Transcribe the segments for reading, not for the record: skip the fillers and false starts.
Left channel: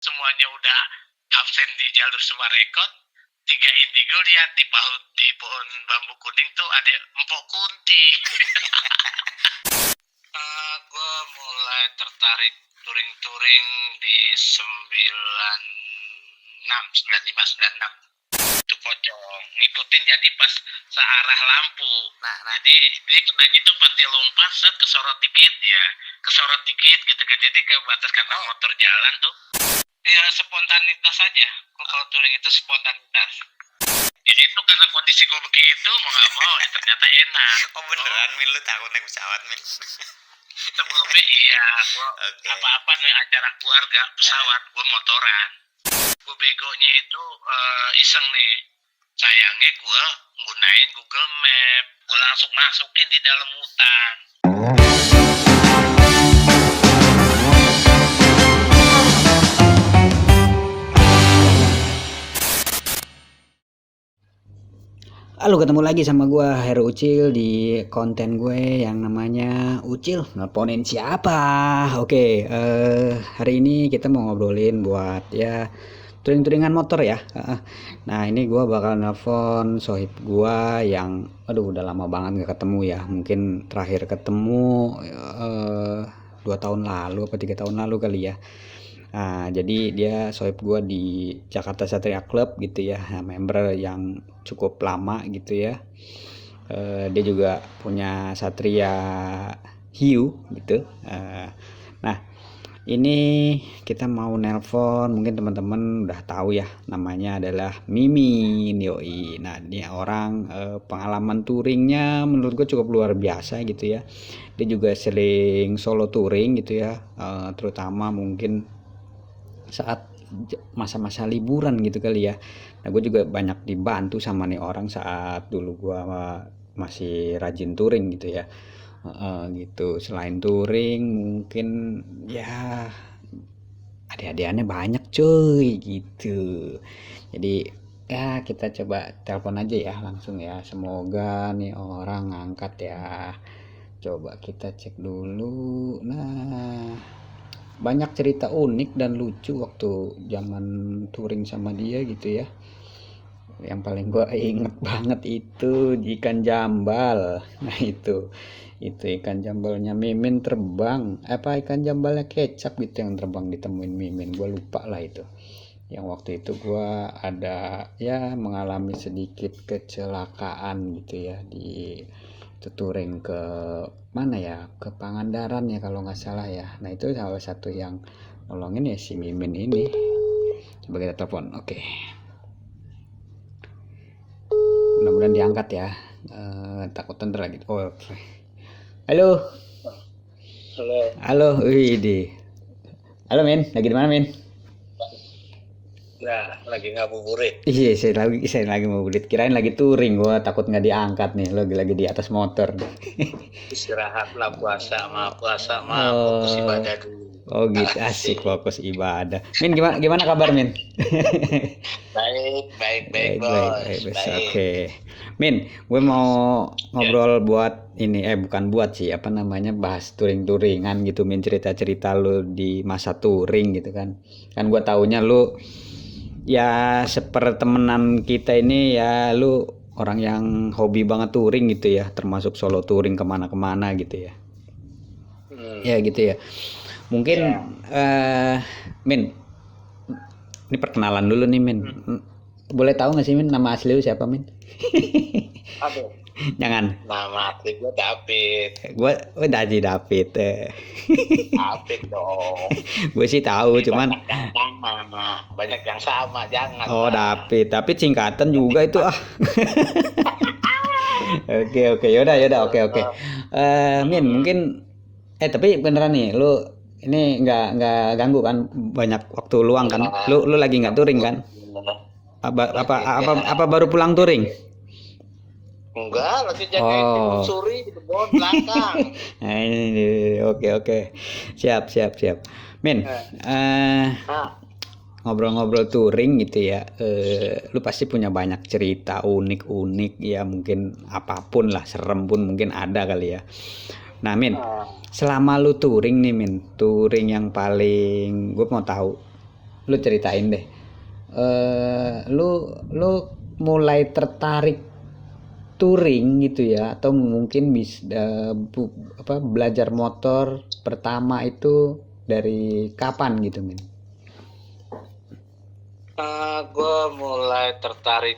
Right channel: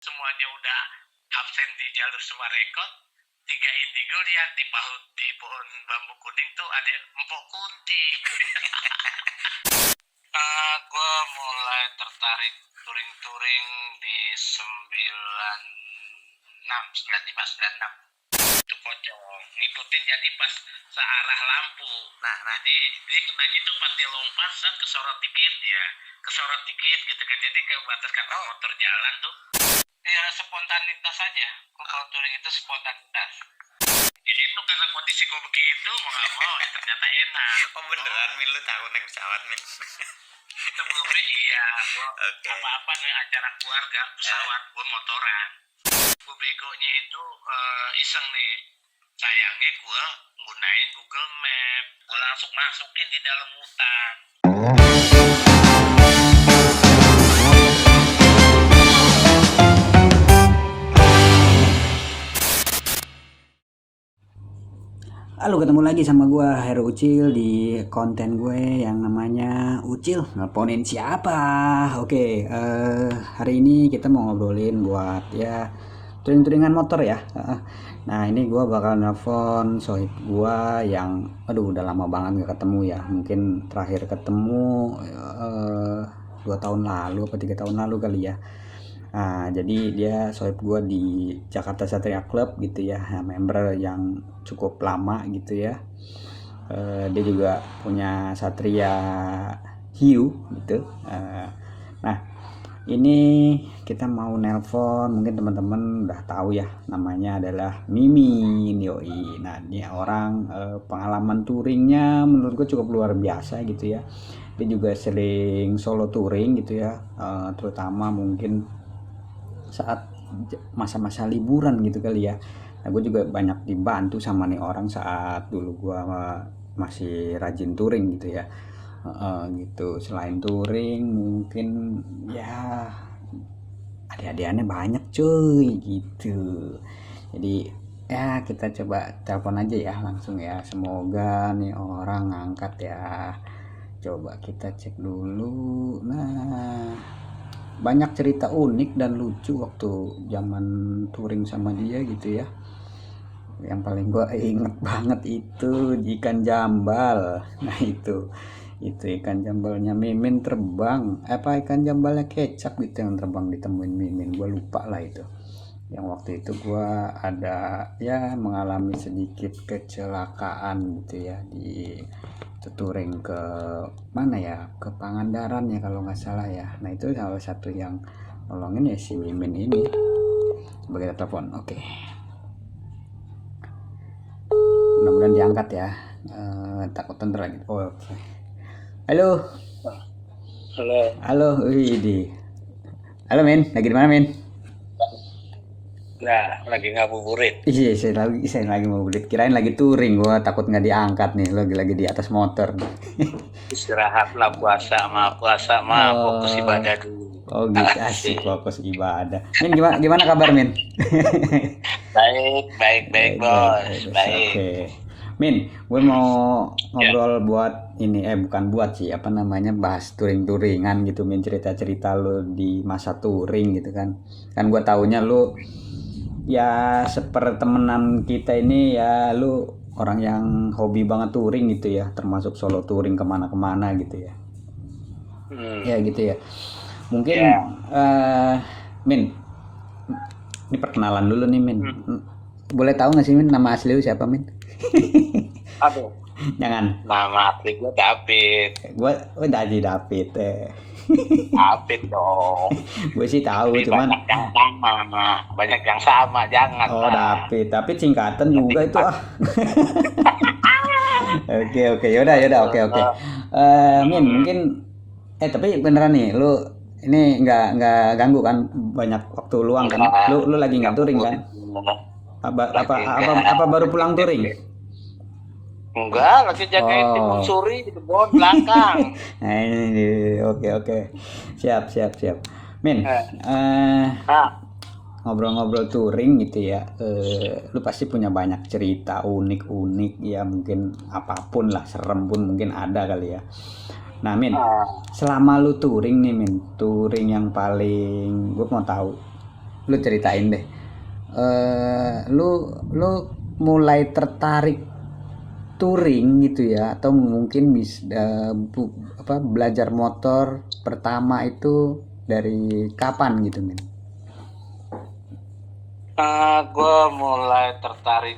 semuanya udah absen di jalur Sumarekon, 3 indigo lihat di pohon bambu kuning tuh ada empok kunti. Gue mulai tertarik touring di 95, 96 itu pocong ngikutin, jadi pas searah lampu. Nah. Jadi dia kenanya tuh pas dia lompat set kesorot dikit gitu kan, jadi ke batas karena motor jalan tuh ya spontanitas aja. Kalau touring itu spontanitas. Jadi itu karena kondisi gue begitu mau nggak mau ternyata enak. Oh beneran Min, lu takut naik pesawat Min? Sebelumnya iya, gue apa-apa nih acara keluarga pesawat, gue motoran. Gue begonya itu iseng nih. Sayangnya gue gunain Google Map, gue langsung masukin di dalam hutan. Halo, ketemu lagi sama gue Heru Ucil di konten gue yang namanya Ucil nelponin siapa. Oke, hari ini kita mau ngobrolin buat ya touring-touringan motor ya. Nah ini gue bakal nelpon sohib gue yang udah lama banget gak ketemu ya. Mungkin terakhir ketemu 2 tahun lalu atau 3 tahun lalu kali ya. Nah, jadi dia sohib gue di Jakarta Satria Club gitu ya, member yang cukup lama gitu ya. Dia juga punya Satria Hiu gitu. Nah, ini kita mau nelpon, mungkin teman-teman udah tahu ya, namanya adalah Mimin yoi. Nah, dia orang pengalaman touringnya menurut gue cukup luar biasa gitu ya. Dia juga sering solo touring gitu ya, terutama mungkin saat masa-masa liburan gitu kali ya. Nah gue juga banyak dibantu sama nih orang saat dulu gue masih rajin touring gitu ya. Gitu. Selain touring mungkin ya adik-adikannya banyak cuy gitu. Jadi ya kita coba telepon aja ya langsung ya, semoga nih orang ngangkat ya. Coba kita cek dulu. Nah, banyak cerita unik dan lucu waktu zaman touring sama dia gitu ya. Yang paling gue inget banget itu ikan jambal. Nah itu ikan jambalnya Mimin terbang, ikan jambalnya Kecap gitu yang terbang ditemuin Mimin, gue lupa lah itu. Yang waktu itu gue ada ya mengalami sedikit kecelakaan gitu ya, di touring ke mana ya, ke Pangandaran ya kalau nggak salah ya. Nah itu salah satu yang nolongin ya si Mimin ini. Coba kita telepon. Oke, mudah-mudahan diangkat ya. Takut tender lagi. Oke. Halo. Widi. Halo Min, lagi di mana Min? Nah, lagi ngabuburit. Iya, saya lagi ngabuburit. Kirain lagi touring, gua takut nggak diangkat nih. Lagi di atas motor. Istirahat lah, puasa mah fokus ibadah dulu. Oh gitu, asik fokus ibadah. Min, gimana kabar Min? Baik bos. Baik. Oke. Min, gue mau ngobrol buat ini, bukan buat sih, bahas touring-touringan gitu Min, cerita-cerita lu di masa touring gitu kan. Kan gue taunya lu ya sepertemenan kita ini ya, lu orang yang hobi banget touring gitu ya, termasuk solo touring kemana-kemana gitu ya. Ya gitu ya. Mungkin Min, ini perkenalan dulu nih Min. Boleh tahu nggak sih Min nama asli lu siapa Min? Aduh. Jangan. Nama asli gue David. Gue David. David dong. Gue sih tahu, cuman banyak yang sama, jangan. Oh David, tapi singkatan juga itu ah. Oke, yaudah, oke. Min, mungkin tapi beneran nih, lu ini nggak ganggu kan, banyak waktu luang kan? Lu lagi nggak touring kan? Apa baru pulang touring? Enggak, lagi jagain timun suri di kebun belakang. Nah ini oke. Siap. Min, ngobrol-ngobrol touring gitu ya, lu pasti punya banyak cerita unik ya, mungkin apapun lah, serem pun mungkin ada kali ya. Nah Min, selama lu touring nih Min, touring yang paling gue mau tahu Lu ceritain deh. Lu mulai tertarik touring gitu ya, atau mungkin belajar motor pertama itu dari kapan gitu, Min? Gue mulai tertarik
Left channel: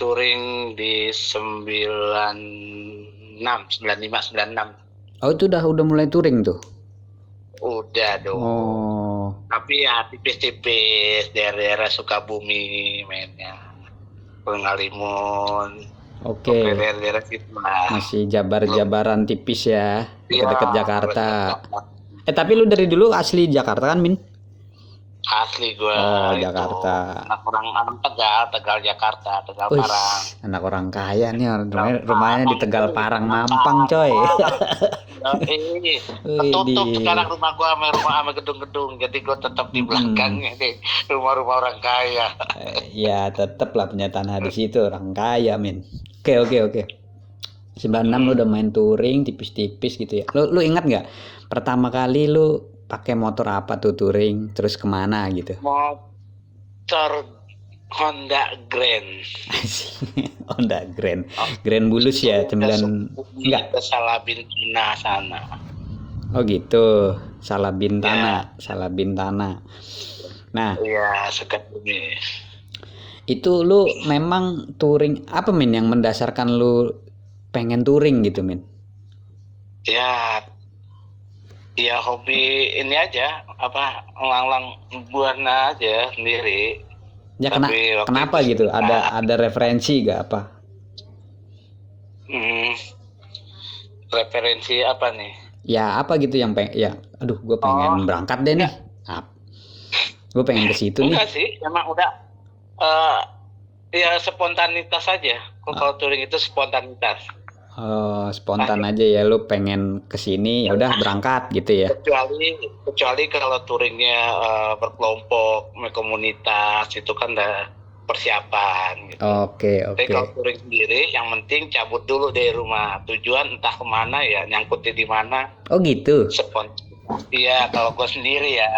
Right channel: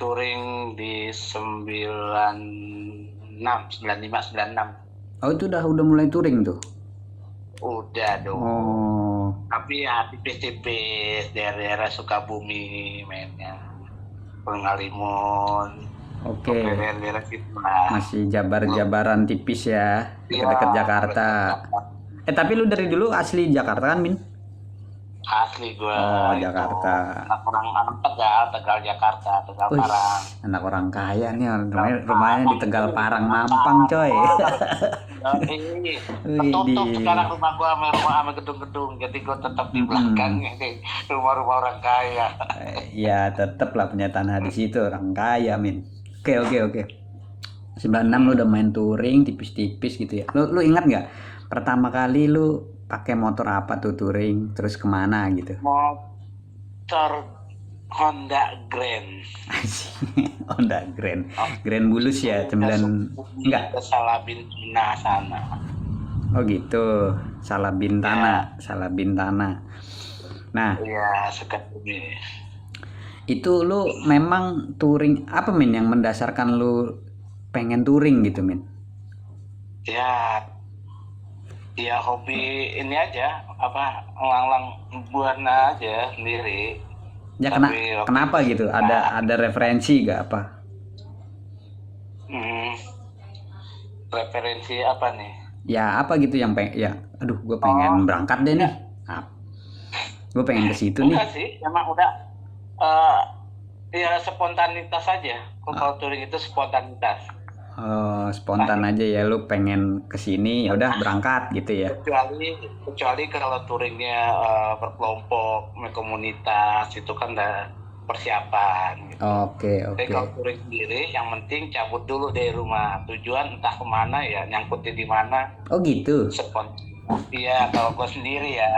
touring di 95, 96. Oh, itu udah mulai touring tuh. Udah dong. Oh. Tapi ya tipis-tipis daerah Sukabumi mainnya. Pengalimun. Oke. Daerah situ lah. Masih jabaran tipis ya, dekat-dekat Iya, Jakarta. dekat-dekat. Tapi lu dari dulu asli Jakarta kan, Min? Asli gue. Oh, itu Jakarta. anak Tegal Jakarta, Tegal Wih, Parang. anak orang kaya nih, rumahnya di Tegal Parang, Mampang, coy. Ketutup sekarang rumah gua sama gedung-gedung, jadi gua tetap di belakangnya nih, rumah-rumah orang kaya. Ya tetep lah punya tanah di situ, orang kaya, Min. Oke. 96 lu udah main touring tipis-tipis gitu ya. Lu ingat nggak pertama kali lu pakai motor apa tuh touring, terus kemana gitu? Motor Honda Grand. Honda Grand Bulus ya, 9 enggak. Ke Salabintana sana. Oh gitu, Salabintana. Nah, Iya, Sukabumi. itu lu memang touring apa, Min, yang mendasarkan lu pengen touring gitu, Min? Ya hobi ini aja, nglang buana aja sendiri. Ya kenapa gitu? Ada referensi gak apa? Referensi apa nih? Ya apa gitu yang aduh gue pengen berangkat deh nih. Gue pengen ke situ nih. Enggak sih, emang udah ya spontanitas aja. Kalau touring itu spontanitas. Oh, spontan aja ya, lu pengen kesini ya udah berangkat gitu ya. Kecuali kalau touringnya berkelompok, komunitas itu kan udah persiapan gitu. Oke. Tapi kalau touring sendiri yang penting cabut dulu dari rumah, tujuan entah kemana ya, nyangkutnya di mana. Oh gitu. Spontan. Iya, kalau gue sendiri ya.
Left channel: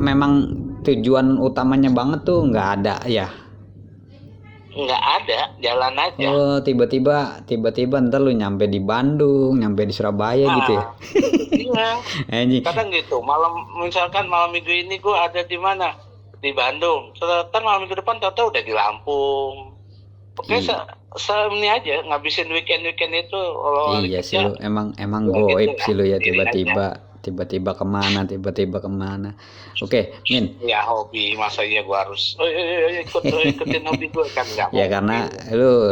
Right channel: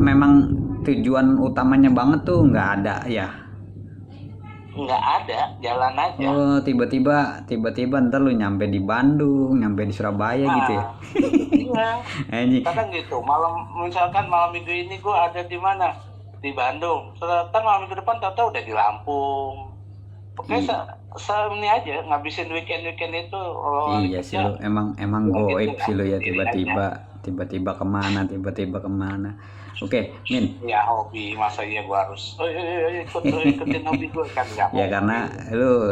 Memang tujuan utamanya banget tuh nggak ada ya? Nggak ada, jalan aja. Oh, tiba-tiba ntar lu nyampe di Bandung, nyampe di Surabaya gitu ya? Iya. Kadang gitu, misalkan malam minggu ini gue ada di mana? Di Bandung. Ternyata malam minggu depan tahu udah di Lampung. Oke, ini aja ngabisin weekend itu. Iya sih lu, emang goib sih lu ya, tiba-tiba kemana. Oke, Min. Ya hobi, masa iya gua harus ikutin hobi gua kan enggak. Ya karena lu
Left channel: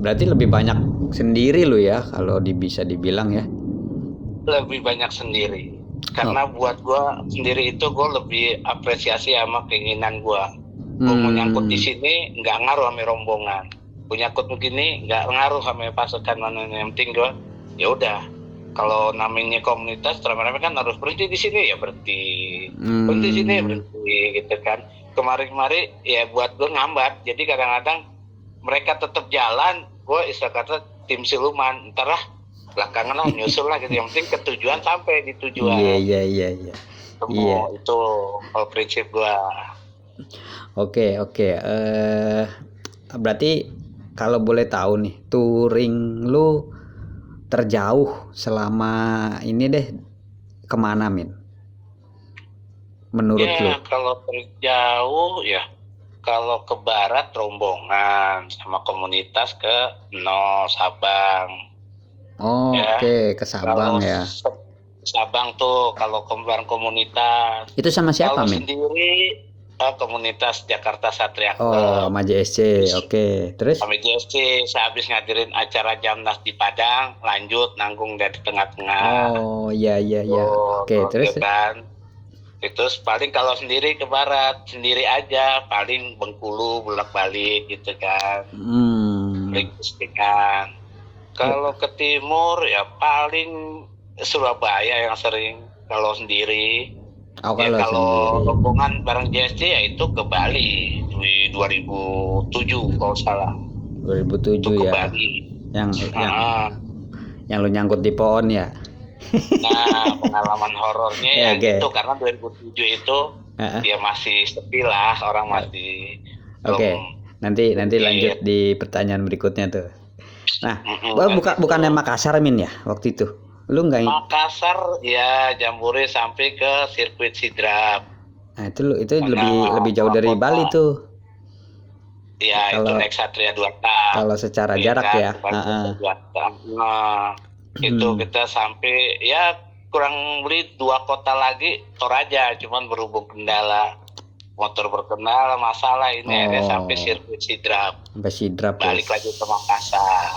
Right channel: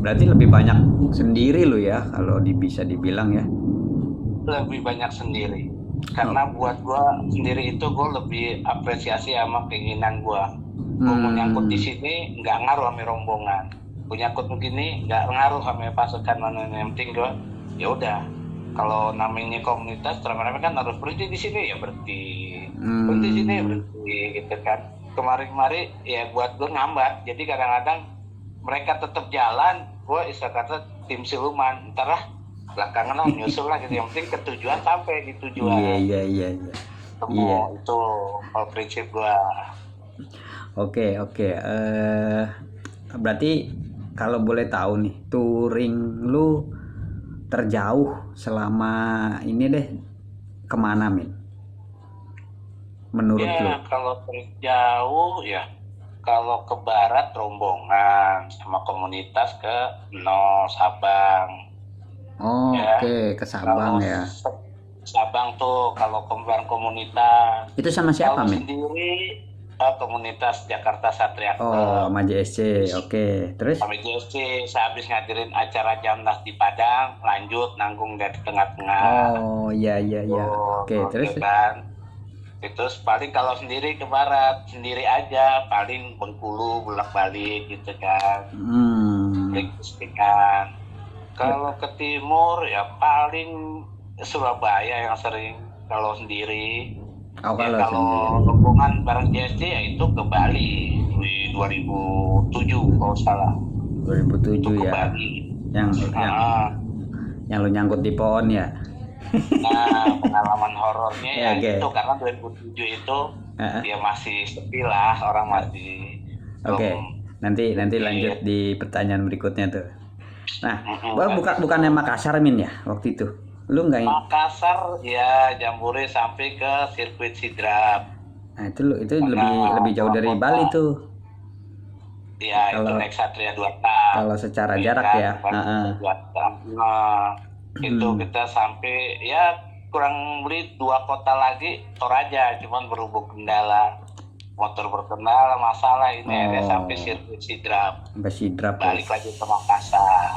berarti lebih banyak sendiri lu ya, kalau bisa dibilang ya. Lebih banyak sendiri. Karena buat gua sendiri itu gua lebih apresiasi sama keinginan gua. Gua mau nyangkut di sini nggak ngaruh sama rombongan. Gua nyangkut begini nggak ngaruh sama pasukan mana, yang penting gua ya udah. Kalau namanya komunitas rame-rame kan harus berhenti di sini ya berhenti di sini ya berhenti gitu kan. Kemarin ya buat gue ngambat, jadi kadang-kadang mereka tetap jalan, gue istilah kata tim siluman, ntar lah belakangan lah nyusul lah gitu, yang penting ketujuan sampai di tujuan. Iya. Itu kalau prinsip gue. Oke. Berarti kalau boleh tahu nih, touring lu terjauh selama ini deh kemana, Min? Menurut lu? Kalau terjauh ya, kalau ke barat rombongan sama komunitas ke Sabang. Oke, ke Sabang ya. Sabang tuh kalau kembar komunitas. Itu sama siapa, Min? Sendiri komunitas Jakarta Satria Club. Oh, sama JSC. Oke. Terus? Sama JSC, sehabis ngadirin acara Jamnas di Padang, lanjut nanggung dari tengah-tengah. Oh, iya. Oke, terus? Kan. Terus paling kalau sendiri ke barat, sendiri aja, paling Bengkulu, bolak-balik gitu kan. Kan. Kalau ke timur ya paling Surabaya yang sering kalau sendiri. Kalau rombongan bareng JSC ya itu ke Bali di 2007 kalau salah. 2007 itu ya. Bali. Yang lu nyangkut di pohon ya. Nah, pengalaman horornya itu karena 2007 itu Ya masih sepi lah, orang masih Oke, nanti lanjut di pertanyaan berikutnya tuh. Nah, bukannya Makassar Min ya waktu itu? Lu nggak? Makassar ya Jambore sampai ke sirkuit Sidrap. Nah, itu lebih jauh dari Bali tuh. Ya itu Kalau naik Satria 2K. kalau secara jarak kan, ya. Itu kita sampai ya kurang lebih 2 kota lagi Toraja, cuman berhubung kendala motor berkendala masalah ini akhirnya sampai sirkuit Sidrap. Sampai Sidrap. Balik lagi ke Makassar.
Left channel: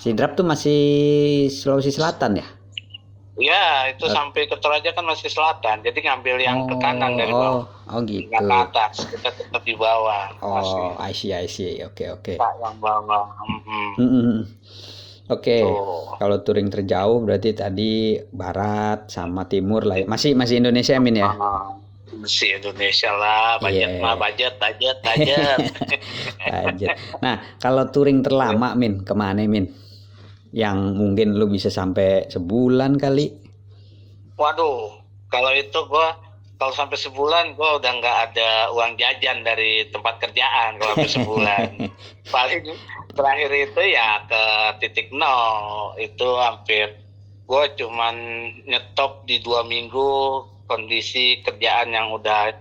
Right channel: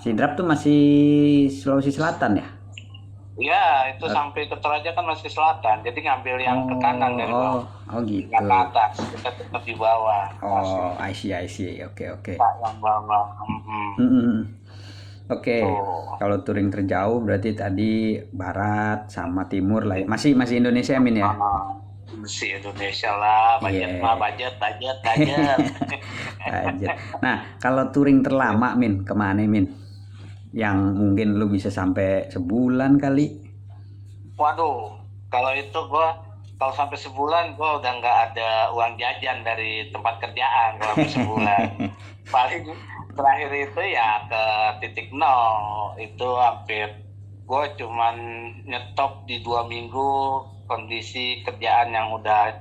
Sidrap tuh masih Sulawesi Selatan ya? Ya, itu sampai ke Toraja kan masih selatan. Jadi ngambil yang ke kanan dari bawah. Oh gitu. Nggak ke atas, kita tetap di bawah. Oh, I see. Oke. Yang bawah. Oke. Kalau touring terjauh berarti tadi barat sama timur lah. Masih Indonesia Min ya? Masih Indonesia lah, budget. Budget. Nah, kalau touring terlama Min, kemana Min? Yang mungkin lu bisa sampai sebulan kali? Waduh, kalau itu kalau sampai sebulan gue udah nggak ada uang jajan dari tempat kerjaan kalau sampai sebulan. Paling terakhir itu ya ke titik nol, itu hampir gue cuman nyetop di 2 minggu, kondisi kerjaan yang udah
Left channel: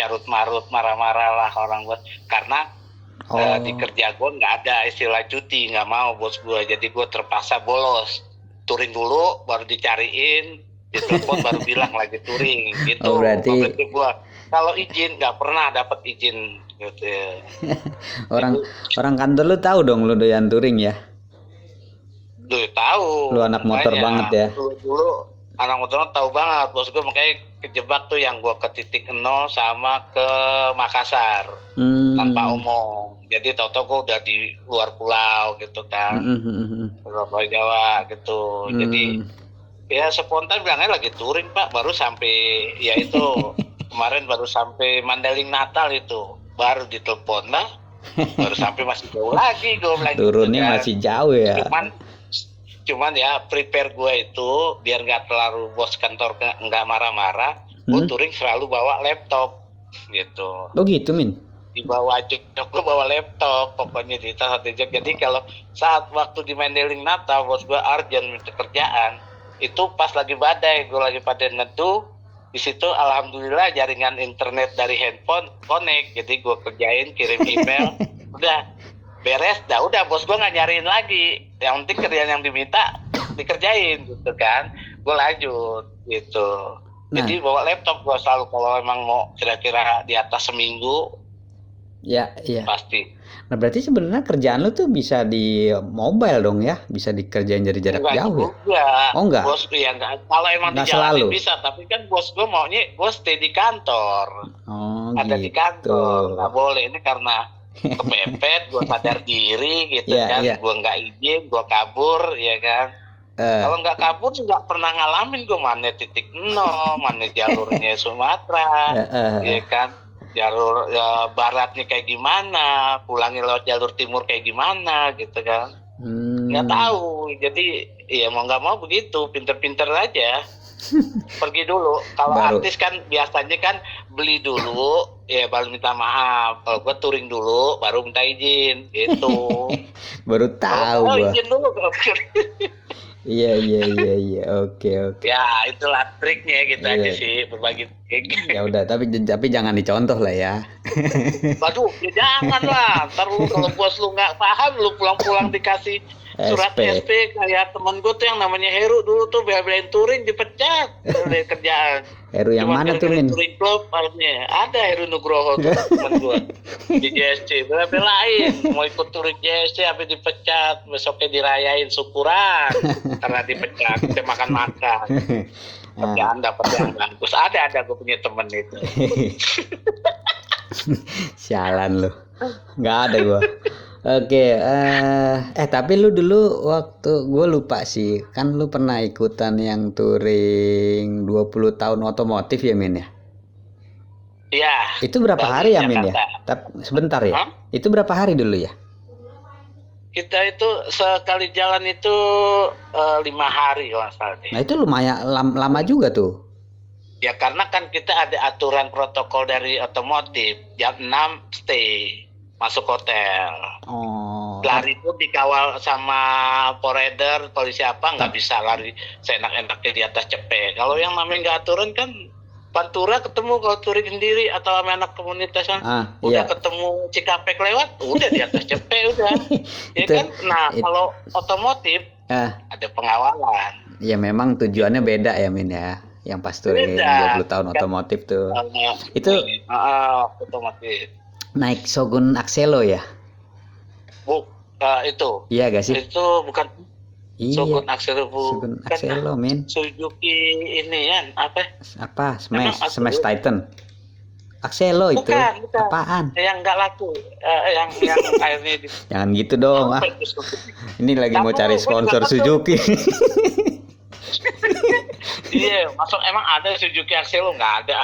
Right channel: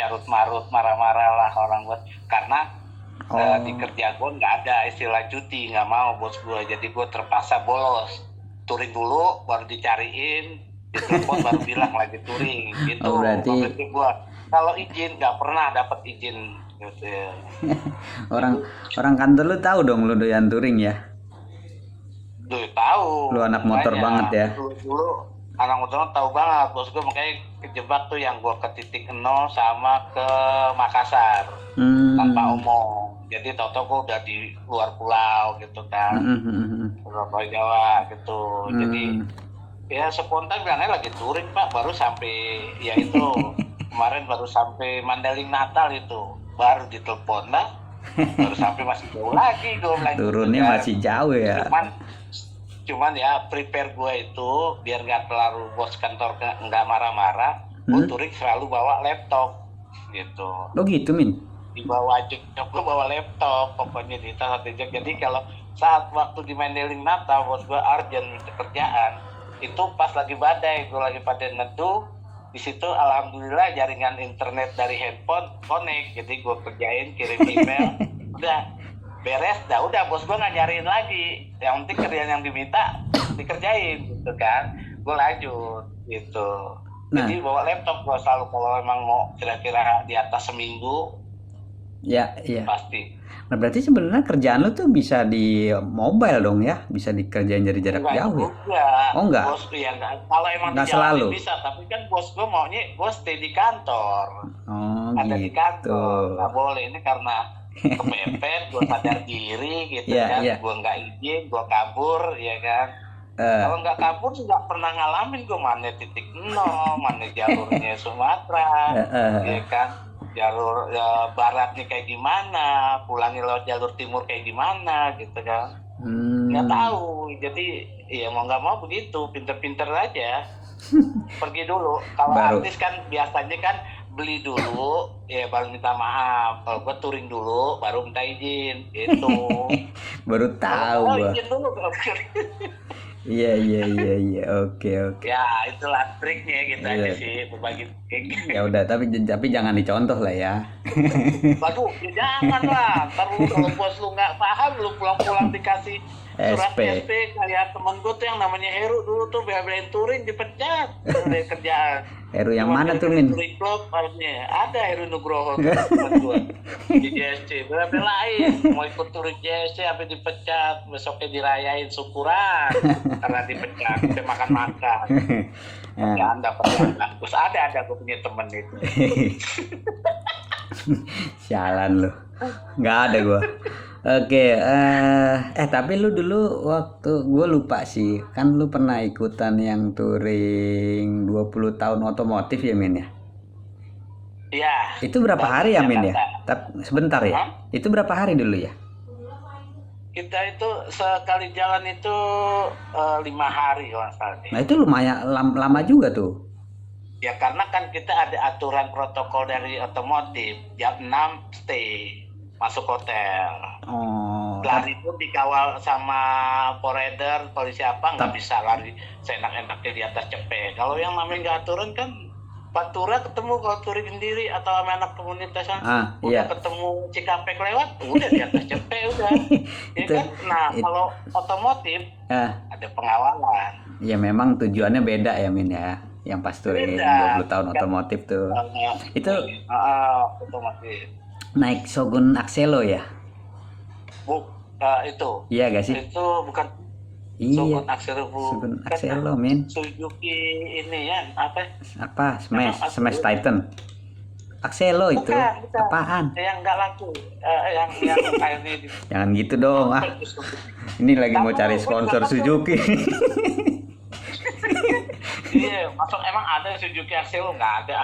carut marut, marah-marah lah orang gue, karena di kerja gue nggak ada istilah cuti, nggak mau bos gue, jadi gue terpaksa bolos, touring dulu baru dicariin, ditelepon baru bilang lagi touring gitu. Berarti gue kalau izin nggak pernah dapat izin gitu ya. orang kantor lu tahu dong lu doyan touring ya? Tahu. Lu anak motor banget ya? Dulu anak motor tahu banget, bos gue makanya kejebak tuh yang gue ke titik nol sama ke Makassar tanpa omong. Jadi tau-tau gue udah di luar pulau gitu kan, Pulau Jawa gitu. Jadi ya spontan bilangnya lagi touring pak, baru sampai ya itu kemarin baru sampai Mandailing Natal itu, baru ditelepon lah, baru sampai masih jauh lagi gue bilang. Turunnya gitu, masih jauh ya. Cuman ya prepare gue itu biar nggak terlalu bos kantor nggak marah-marah, gue touring selalu bawa laptop gitu. Oh gitu Min? Dibawa jok, gue bawa laptop pokoknya di tas satu jok. Jadi kalau saat waktu di Mandailing Natal bos gue urgent minta kerjaan, itu pas lagi badai, gue lagi pada neduh, di situ alhamdulillah jaringan internet dari handphone connect, jadi gue kerjain, kirim email, udah beres, udah bos gue nggak nyariin lagi, yang penting kerjaan yang diminta dikerjain gitu kan, gue lanjut gitu. Jadi bawa laptop gue selalu kalau emang mau kira-kira di atas seminggu. Ya, iya. Pasti. Nah berarti sebenarnya kerjaan lu tuh bisa di mobile dong ya, bisa dikerjain dari jarak jauh. Oh enggak? Bos ya enggak. Kalau emang nggak di jalan selalu bisa, tapi kan bos gue maunya gue stay di kantor. Ada gitu. Di kantor, nggak boleh, ini karena kepepet, gue sadar diri gitu kan, gue nggak izin, gue kabur ya kan. Kalau nggak kabur nggak pernah ngalamin gue mana titik nol, mana jalurnya Sumatera, ya kan. Jalur baratnya kayak gimana, pulangnya lewat jalur timur kayak gimana gitu kan. Nggak tahu, jadi ya mau nggak mau begitu, pinter-pinter aja. Pergi dulu. Kalau artis kan biasanya kan beli dulu, ya baru minta maaf. Kalau gue touring dulu, baru minta izin gitu. Baru tahu gue. Izin dulu. Iya, oke. Ya itulah triknya gitu aja sih, berbagi trik. Ya udah, tapi jangan dicontoh lah ya. Waduh, ya jangan lah. Ntar lu kalau bos lu nggak paham, lu pulang-pulang dikasih surat SP kayak temen gue tuh yang namanya Heru dulu tuh bela-belain touring dipecat dari kerjaan. Heru yang mana tuh Min? Touring club harusnya ada Heru Nugroho tuh temen gue di JSC, bela-belain mau ikut touring JSC tapi dipecat, besoknya dirayain syukuran karena dipecat, kita makan-makan. Kerjaan dapat yang bagus, ada gue punya temen itu. Sialan lu, nggak ada gue. Oke, tapi lu dulu waktu gue lupa sih, kan lu pernah ikutan yang touring 20 tahun otomotif ya Min ya? Iya. Itu berapa hari ya Min ya? Sebentar ya? Itu berapa hari dulu ya? Kita itu sekali jalan itu 5 hari kalau nggak salah. Nah itu lumayan lama juga tuh. Ya karena kan kita ada aturan protokol dari otomotif, jam 6 stay, masuk hotel. Oh, Lari pun dikawal sama poreder, polisi apa, nggak bisa lari seenak-enaknya di atas cepet. Kalau yang namanya nggak aturan kan, Pantura ketemu kalau touring sendiri atau sama anak komunitas kan, udah iya. ketemu Cikampek lewat, udah di atas cepet udah. Ya Itu- kan? Nah kalau otomotif ada pengawalan. Ya memang tujuannya beda ya Min ya. Yang pas touring Beda. 20 tahun otomotif tuh. Itu Otomotif. naik Shogun Axelo ya? Itu. Iya gak sih? Itu bukan Iya. Shogun Axelo, Shogun bukan. Axelo, Min. Suzuki ini ya, apa? Apa? Emang Smash Titan. Axelo itu. Bukan. Apaan? Yang nggak laku, yang akhirnya di. Jangan gitu dong. Ini lagi mau cari sponsor Suzuki. Iya, masuk emang ada Suzuki Axelo? Nggak ada.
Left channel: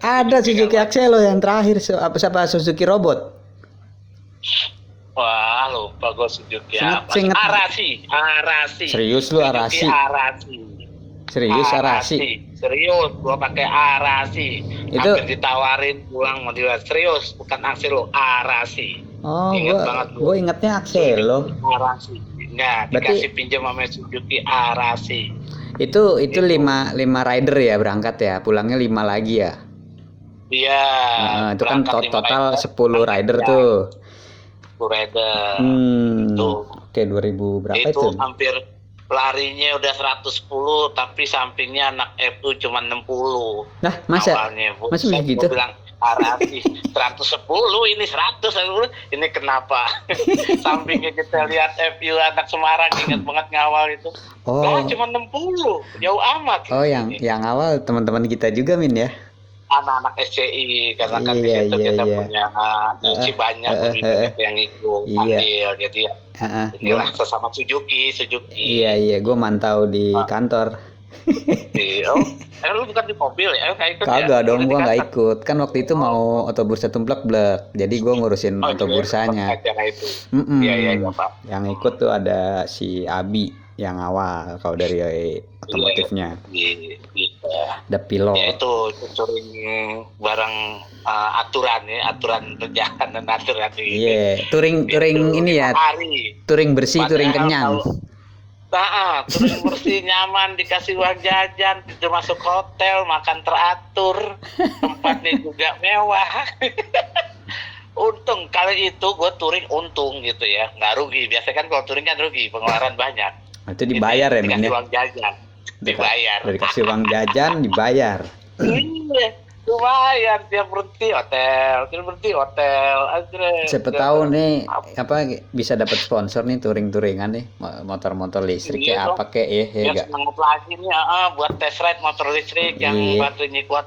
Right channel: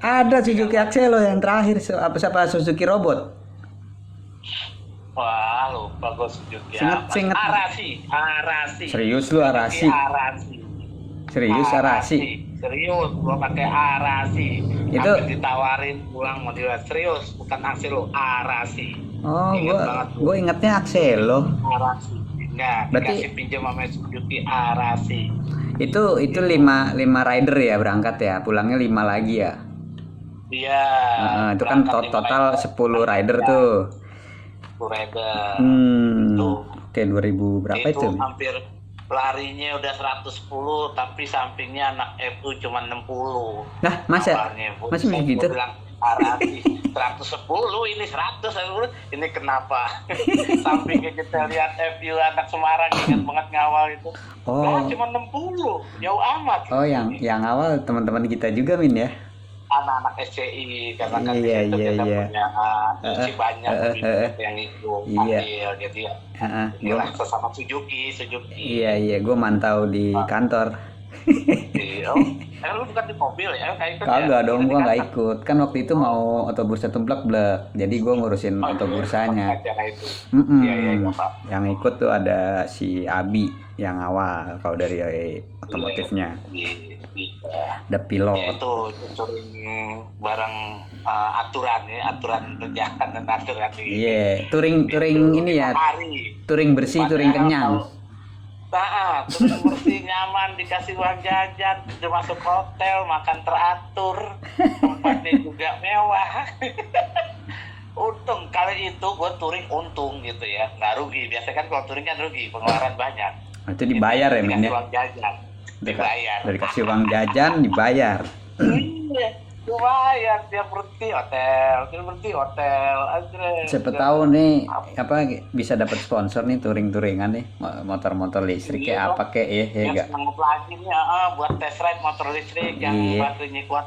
Ada Suzuki Axelo yang terakhir. Siapa Suzuki Robot? Wah, lupa gue Suzuki Seinget- Arasi. Serius lu Arasi? Arasi. Serius Arasi? Serius, gua pakai Arasi. Itu- Hampir ditawarin pulang mau dilihat. Serius, bukan Axelo, Arasi. Oh, Ingat banget gua. gue ingetnya Axelo. Arasi. Enggak, Berarti- dikasih pinjam sama Suzuki Arasi. Itu 5 rider ya berangkat ya, pulangnya 5 lagi ya. Iya. Itu kan berangkat total 5 10 rider Ya, tuh. Rider. Tuh. Oke, 2000 berapa Itu itu? hampir larinya udah 110 tapi sampingnya anak FU cuma 60. Nah, masa? Awalnya, Masih saya gitu? bilang Arasi 110 ini 100 ini kenapa? Sampingnya kita lihat FU anak Semarang ingat banget ngawal itu. Oh. Nah, cuma 60, jauh amat. Oh, yang awal teman-teman kita juga Min ya. Anak-anak SCI karena kan di Iya, situ iya, kita iya. punya isi banyak lebih banyak yang ikut Iya. ambil jadi ya Heeh. inilah sesama Suzuki. Iya, gue mantau di kantor. Oh, lu bukan di mobil ya? Kayak ikut Kagak ya? dong, Di gue nggak kantor. ikut. Kan waktu itu mau otobursa tumplek-blek. Jadi gue ngurusin Oh, otobursanya. acara itu. Mm-mm. Iya, Pak. Yang ikut tuh ada si Abi yang awal kalau dari otomotifnya. The Ya pilot. itu touring barang aturan perjalanan aturan ini. Iya, touring ini ya, Hari. touring bersih, touring kenyang. Touring bersih, nyaman, dikasih uang jajan, udah masuk hotel, makan teratur, tempatnya juga mewah. Untung kali itu gue touring untung gitu ya, nggak rugi. Biasanya kan kalau touring kan rugi, pengeluaran banyak. Itu dibayar ya, Min Dikasih ya? uang jajan, dibayar. Udah dikasih uang jajan, dibayar. Iya, dibayar tiap berhenti hotel. Siapa tahu nih apa bisa dapat sponsor nih touring-touringan nih motor-motor listrik Iya, kayak apa kayak ya Yang enggak. semangat lagi nih, buat test ride motor listrik yang Iya. baterainya kuat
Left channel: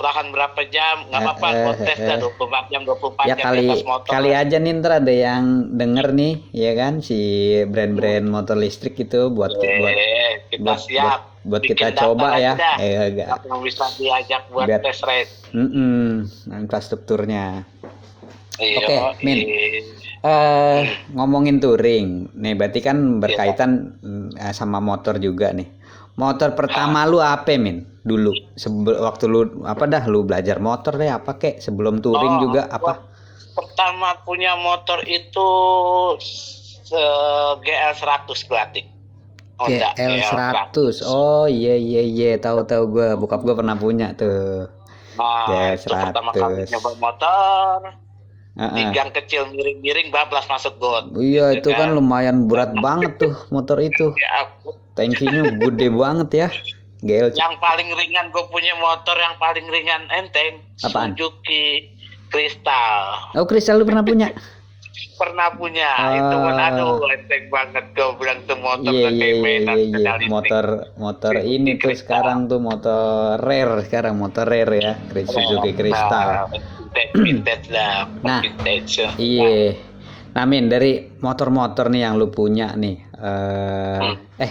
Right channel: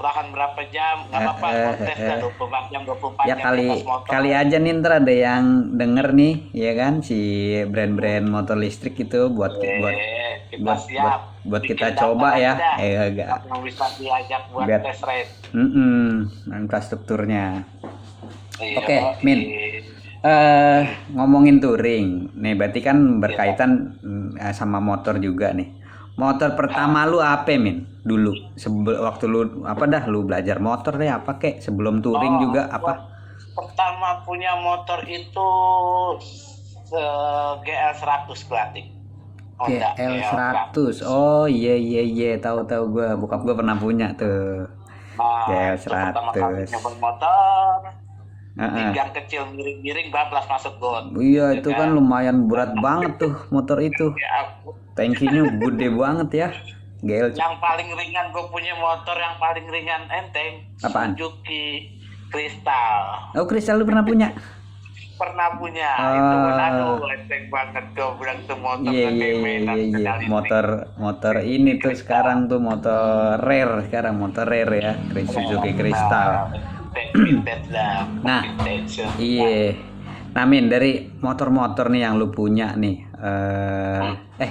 tahan berapa jam, nggak apa-apa, buat tes dah 24 jam Ya di atas motor. kali aja nih ntar ada yang denger nih ya kan si brand-brand motor listrik itu buat kita siap. buat Bikin kita data coba ya. aja. Enggak. Yang bisa diajak buat Biar- test ride. Infrastrukturnya. Iya, Oke, Min. Ngomongin touring, nih berarti kan berkaitan sama motor juga nih. Motor pertama lu apa, Min? Dulu, waktu lu lu belajar motor deh apa kek? Sebelum touring juga apa? Pertama punya motor itu GL 100 Glatik. Honda GL 100. Oh iya, tahu gua, bokap gua pernah punya tuh. Nah, GL itu pertama kali 100. nyoba motor. Heeh. Di gang kecil miring-miring bablas masuk got. Iya, itu kan lumayan berat banget tuh motor itu. Ya, Tankinya gede banget ya. GL. yang paling ringan gue punya motor yang paling ringan enteng. Apaan? Suzuki Crystal. Oh, Kristal lu pernah punya? Pernah punya. Ah. Itu pun aduh enteng banget gue bilang tuh motor Iya, pakai mainan pedal listrik. motor ini tuh sekarang tuh motor rare ya, Suzuki Crystal. Vintage lah. Nah, Vintage. Iya. Nah, Min, dari motor-motor nih yang lu punya nih,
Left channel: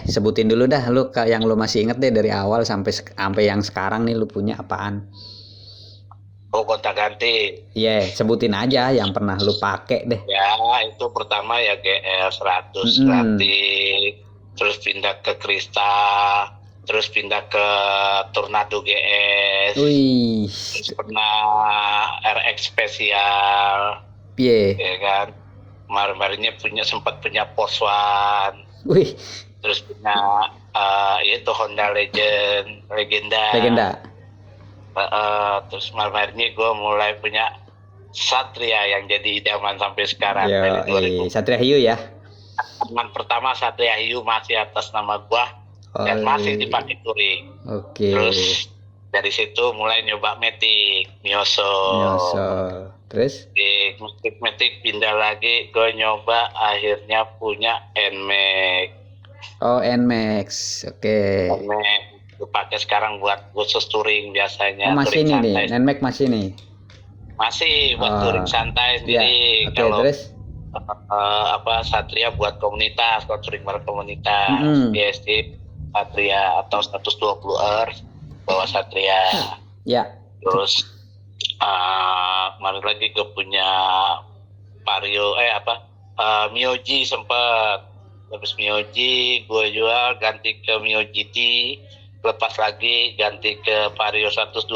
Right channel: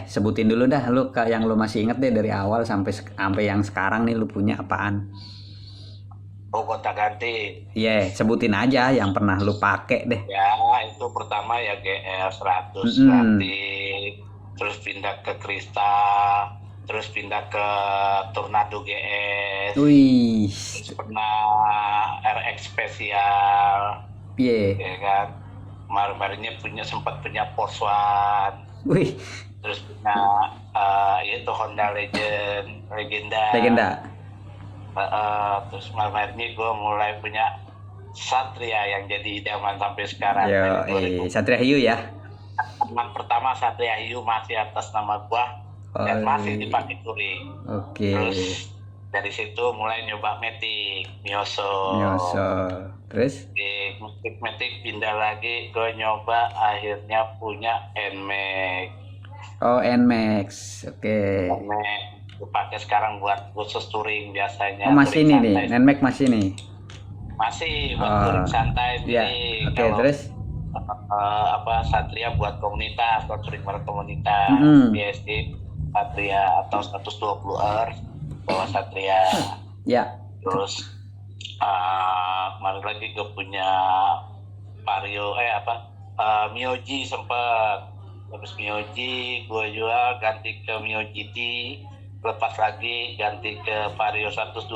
sebutin dulu dah lu yang lu masih inget deh dari awal sampai yang sekarang nih lu punya apaan? Oh, gonta-ganti. Iya, sebutin aja yang pernah lu pakai deh. Ya, itu pertama ya GL 100 Mm-mm. Glatik, terus pindah ke Crystal, terus pindah ke Tornado GS, Wih, terus pernah RX spesial, piye? ya kan. Kemarin-kemarinnya sempat punya Poswan, Wih, terus punya yaitu Honda Legenda. Terus kemarin-kemarinnya gue mulai punya Satria yang jadi idaman sampai sekarang. Yo, Satria Hiu ya. Teman pertama Satria Hiu masih atas nama gua dan masih dipakai touring. Oke. Terus dari situ mulai nyoba Matic, Mioso. Terus? Di Matic pindah lagi, gue nyoba akhirnya punya NMAX. Oh, NMAX. Oke. NMAX dipakai sekarang buat khusus touring biasanya. Oh, masih nih nih, NMAX masih nih. Masih buat touring santai sendiri. Ya. Oke, Kalau terus? Satria buat komunitas, kalau touring bareng komunitas, GST Satria atau 120R bawa Satria. Ya. Terus kemarin lagi gue punya Vario Mioji sempat. Habis Mioji gue jual ganti ke Mio GT, lepas lagi ganti ke Vario 125.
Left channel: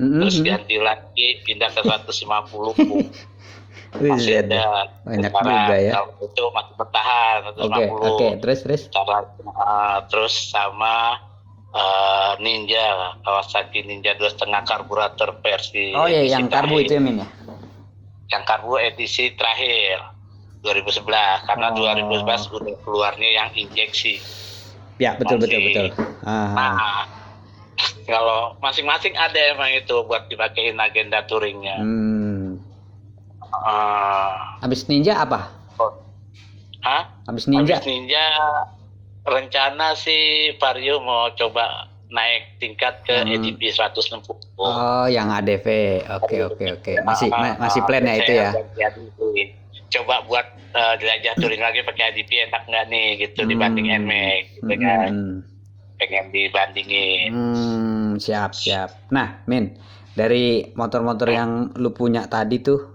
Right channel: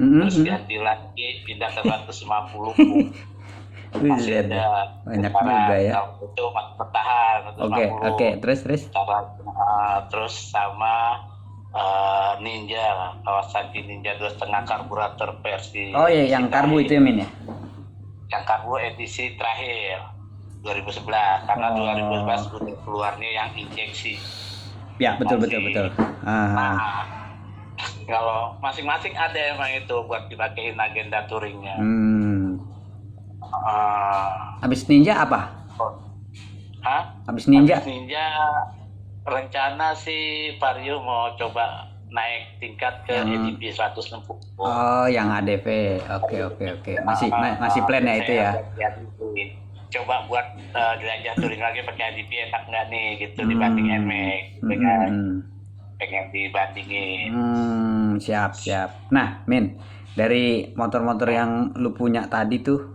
Terus ganti lagi pindah ke 150. Masih ada banyak juga ya. Itu masih bertahan 150. Oke, terus terus sama Ninja, Kawasaki Ninja 2,5 karburator versi. Oh iya, yang karbu itu ya Min ya. Yang karbu edisi terakhir 2011 karena 2011 udah keluarnya yang injeksi. Ya, betul. Kalau masing-masing ada emang itu buat dipakein agenda touringnya. Habis Ninja apa? Habis Ninja rencana sih Vario mau coba naik tingkat ke EDP 160. Oh, yang ADV. Oke. Masih plan ya itu ya. Coba buat jelajah touring lagi pakai ADP enak nggak nih gitu dibanding NMAX gitu kan. Pengen dibandingin. Siap. Nah, Min, dari motor-motor yang lu punya tadi tuh,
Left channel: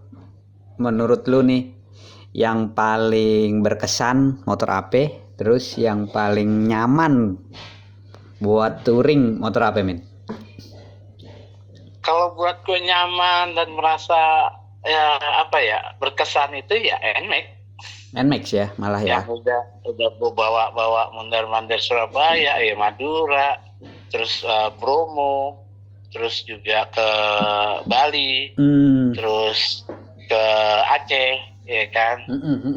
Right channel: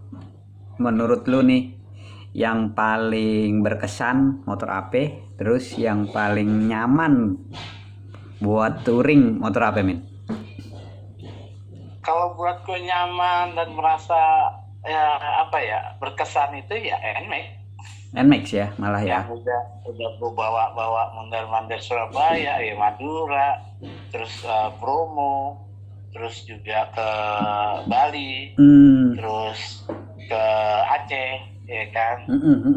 menurut lu nih, yang paling berkesan motor apa? Terus yang paling nyaman buat touring motor apa, Min? Kalau buat gue nyaman dan merasa berkesan itu ya NMAX ya, malah ya. Yang udah gue bawa mondar-mandir Surabaya, Madura, terus Bromo, terus juga ke Bali, terus ke Aceh, ya kan.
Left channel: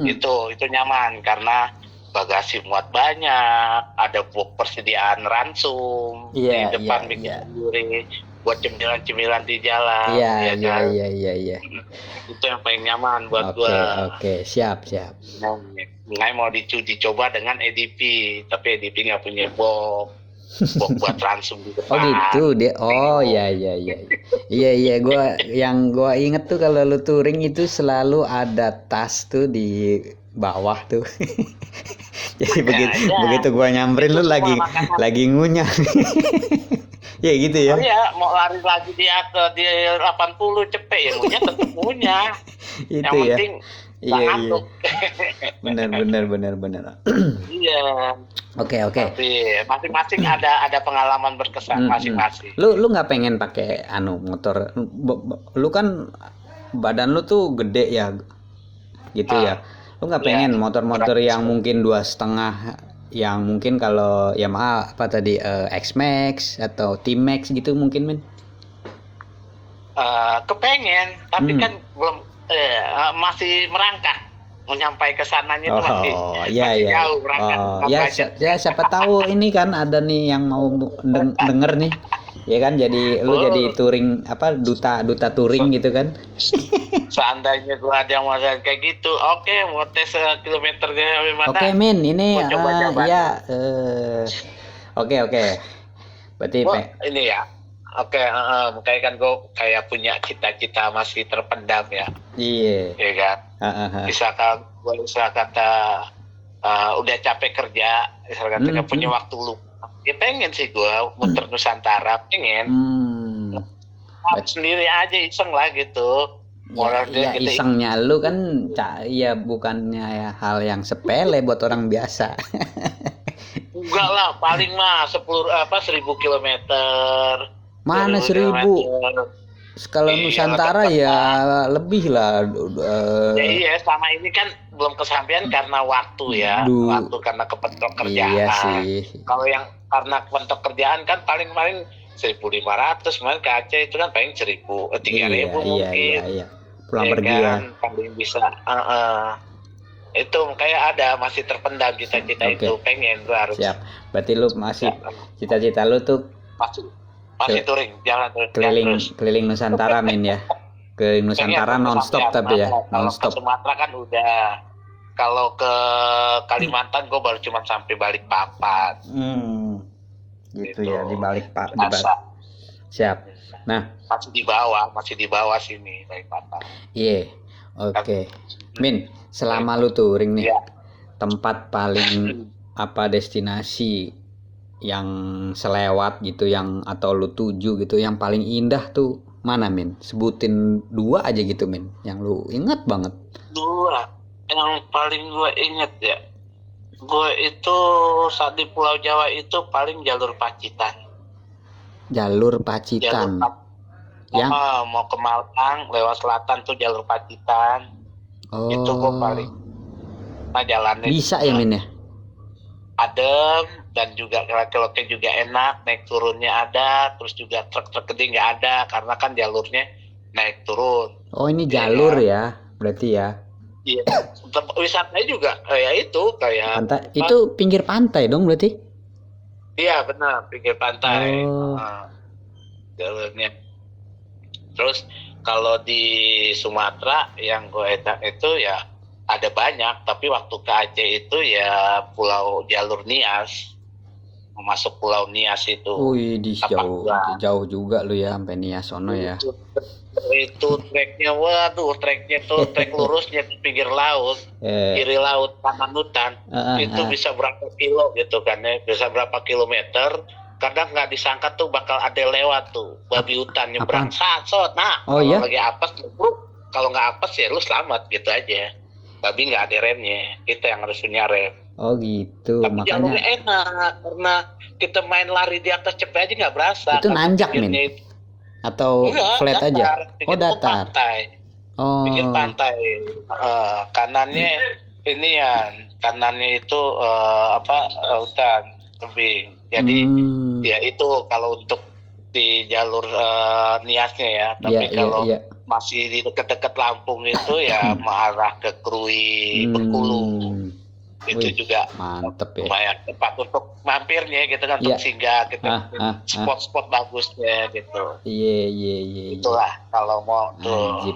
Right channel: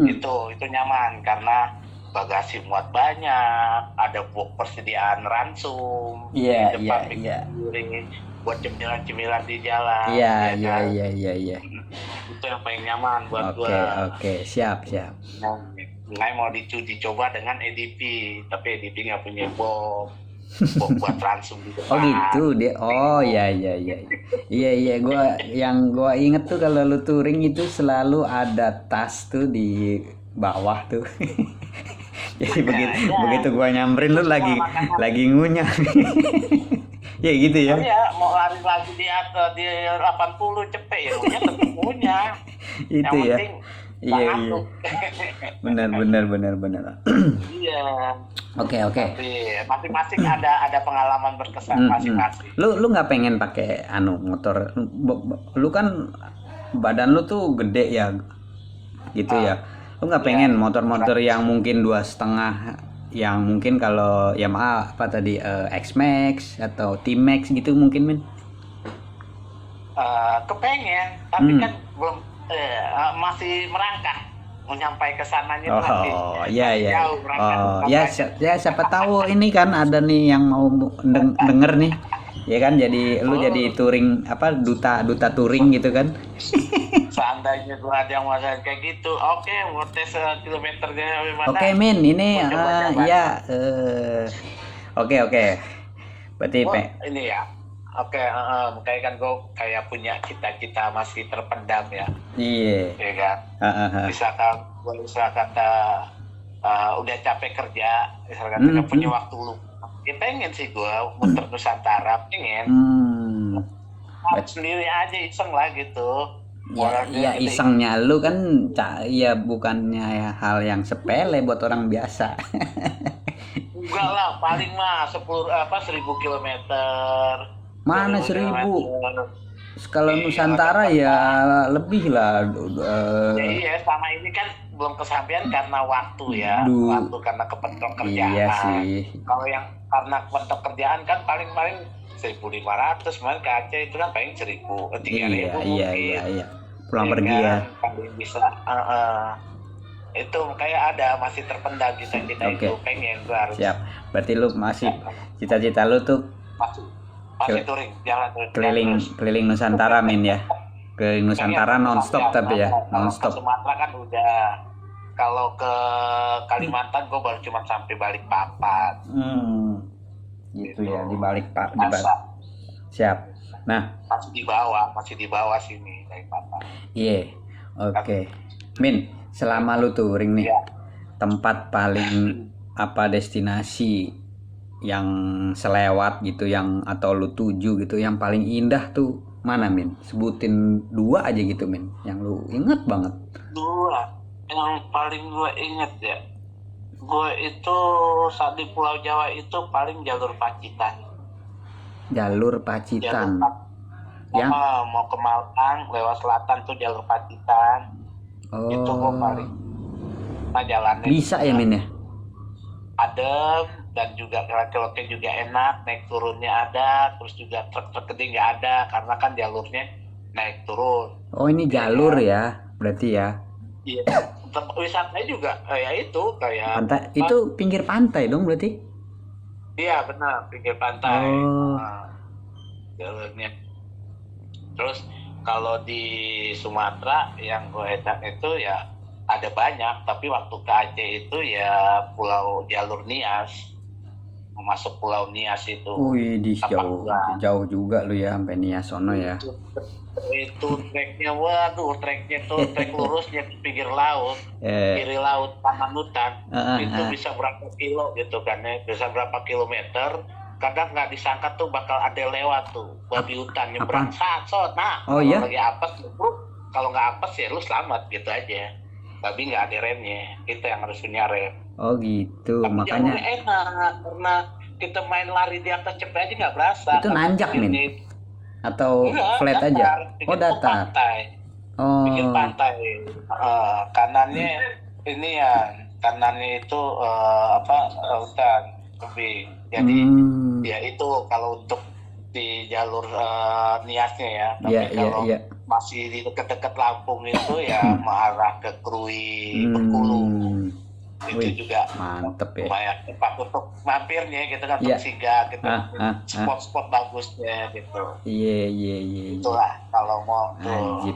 Itu nyaman karena bagasi muat banyak, ada persediaan ransum di depan sendiri buat cemilan-cemilan di jalan. Iya. Itu yang paling nyaman buat gua. Oke, siap. Nah, mau dicoba dengan EDP, tapi EDP nggak punya box buat ransum di depan. Oh gitu dia. Oh iya. Iya, gua inget tuh kalau lu touring itu selalu ada tas tuh di bawah tuh. Jadi begitu gua nyamperin lu lagi ngunyah. Ya gitu ya. Oh iya, mau lari lagi di 80 cepet ya ngunyah tetap ngunyah. Itu yang ya. penting Iya. Benar. Iya. Oke. Tapi masing-masing ada pengalaman berkesan masing-masing. Lu nggak pengen pakai motor? Lu kan badan lu tuh gede ya, gitu ya. Lu nggak pengen motor-motor yang mungkin 2,5, yang mungkin kalau Yamaha X-Max atau T-Max gitu mungkin, Min? Kepengen, tapi kan belum masih merangkak mau nyampai ke sananya tuh masih jauh berangkat. Siapa tahu ini kan ada nih yang mau denger nih. Ya kan, jadi lu jadi touring duta touring gitu kan. Seandainya gua ada yang mau kayak gitu, oke, mau tes kilometernya gimana? Oke, Min, ini oke. Berarti ini ya. Oke, makanya kan gue kayak punya cita-cita masih terpendam ya. Iya. Iya kan. Misalkan gue udah capek kerja, misalkan nggak punya waktu luang. Ya pengen sih gue muter Nusantara, pengen. Sendiri aja iseng lah gitu. Ya isengnya lu kan ya bukannya hal yang sepele buat orang biasa. Enggak lah, paling mah 1000 kilometer. Mana 1000? kilometer. Kalau Iya, Nusantara ya lebih lah. Ya iya, sama ini kan belum kesampaian karena waktu ya, Du- waktu karena kepentok kerjaan. Iya sih. Kalau yang karena kepentok kerjaan kan paling 1.500, kemarin ke Aceh itu kan paling 3.000 Iya, mungkin. iya. Pulang Ya pergi kan, ya. paling bisa. Itu kayak ada masih terpendam cita-cita Oke. itu, pengen gua harus Siap. Berarti lu masih cita-cita lu tuh masih touring, jalan terus. keliling Nusantara Min ya. Ke Nusantara Pengen nonstop kesampaian. tapi ya, Kalau nonstop. ke Sumatera kan udah. Kalau ke Kalimantan gue baru cuma sampai Balikpapan. Gitu ya, di balik Pak. Masa Siap. Nah, masih di bawah sini Balikpapan. iya. Oke. Min, selama lu touring nih, Iya. tempat paling apa destinasi yang selewat gitu yang atau lu tuju gitu yang paling indah tuh mana Min? Sebutin 2 aja gitu Min, yang lu inget banget. 2 yang paling gue inget ya, gue itu saat di Pulau Jawa itu paling jalur Pacitan. Jalur Pacitan. Yang mau ke Malang lewat selatan tuh jalur Pacitan. Itu gue paling. Nah jalannya bisa ya Min ya? adem dan juga keloknya juga enak, naik turunnya ada, terus juga truk-truk gede nggak ada karena kan jalurnya naik turun. Oh ini jalur ya, berarti ya. Iya, tempat wisatanya juga kayak itu kayak Pantai itu pinggir pantai dong berarti? Iya benar, pinggir pantai. Oh. Jalurnya. Terus kalau di Sumatera yang gue enak itu ya ada banyak, tapi waktu ke Aceh itu ya pulau jalur Nias, masuk pulau Nias itu. Wih, jauh juga lu ya sampai Nias sono ya. Itu treknya, waduh, treknya tuh trek lurusnya di pinggir laut, kiri laut, kanan hutan. Itu bisa berapa kilo gitu kan ya, bisa berapa kilometer. Kadang nggak disangka tuh bakal ada lewat tuh babi hutan nyebrang sat. Nah, kalau lagi apes, kalau nggak apes ya lu selamat gitu aja. Babi nggak ada remnya, kita yang harus punya rem. Oh gitu. Tapi makanya jalurnya enak karena kita main lari di atas cepet aja nggak berasa. Itu nanjak Min? Atau flat datar, aja? Oh datar. Pantai. Oh. Pinggir pantai. Kanannya ini ya, kanannya itu hutan tebing. Jadi ya itu kalau untuk di jalur Niasnya ya. Tapi kalau masih di dekat-dekat Lampung itu ya mengarah ke Krui, Bengkulu. Itu juga mantep ya. Lumayan tempat untuk mampirnya gitu kan, untuk singgah gitu. Spot-spot bagusnya gitu. Iya. Itulah kalau mau tuh.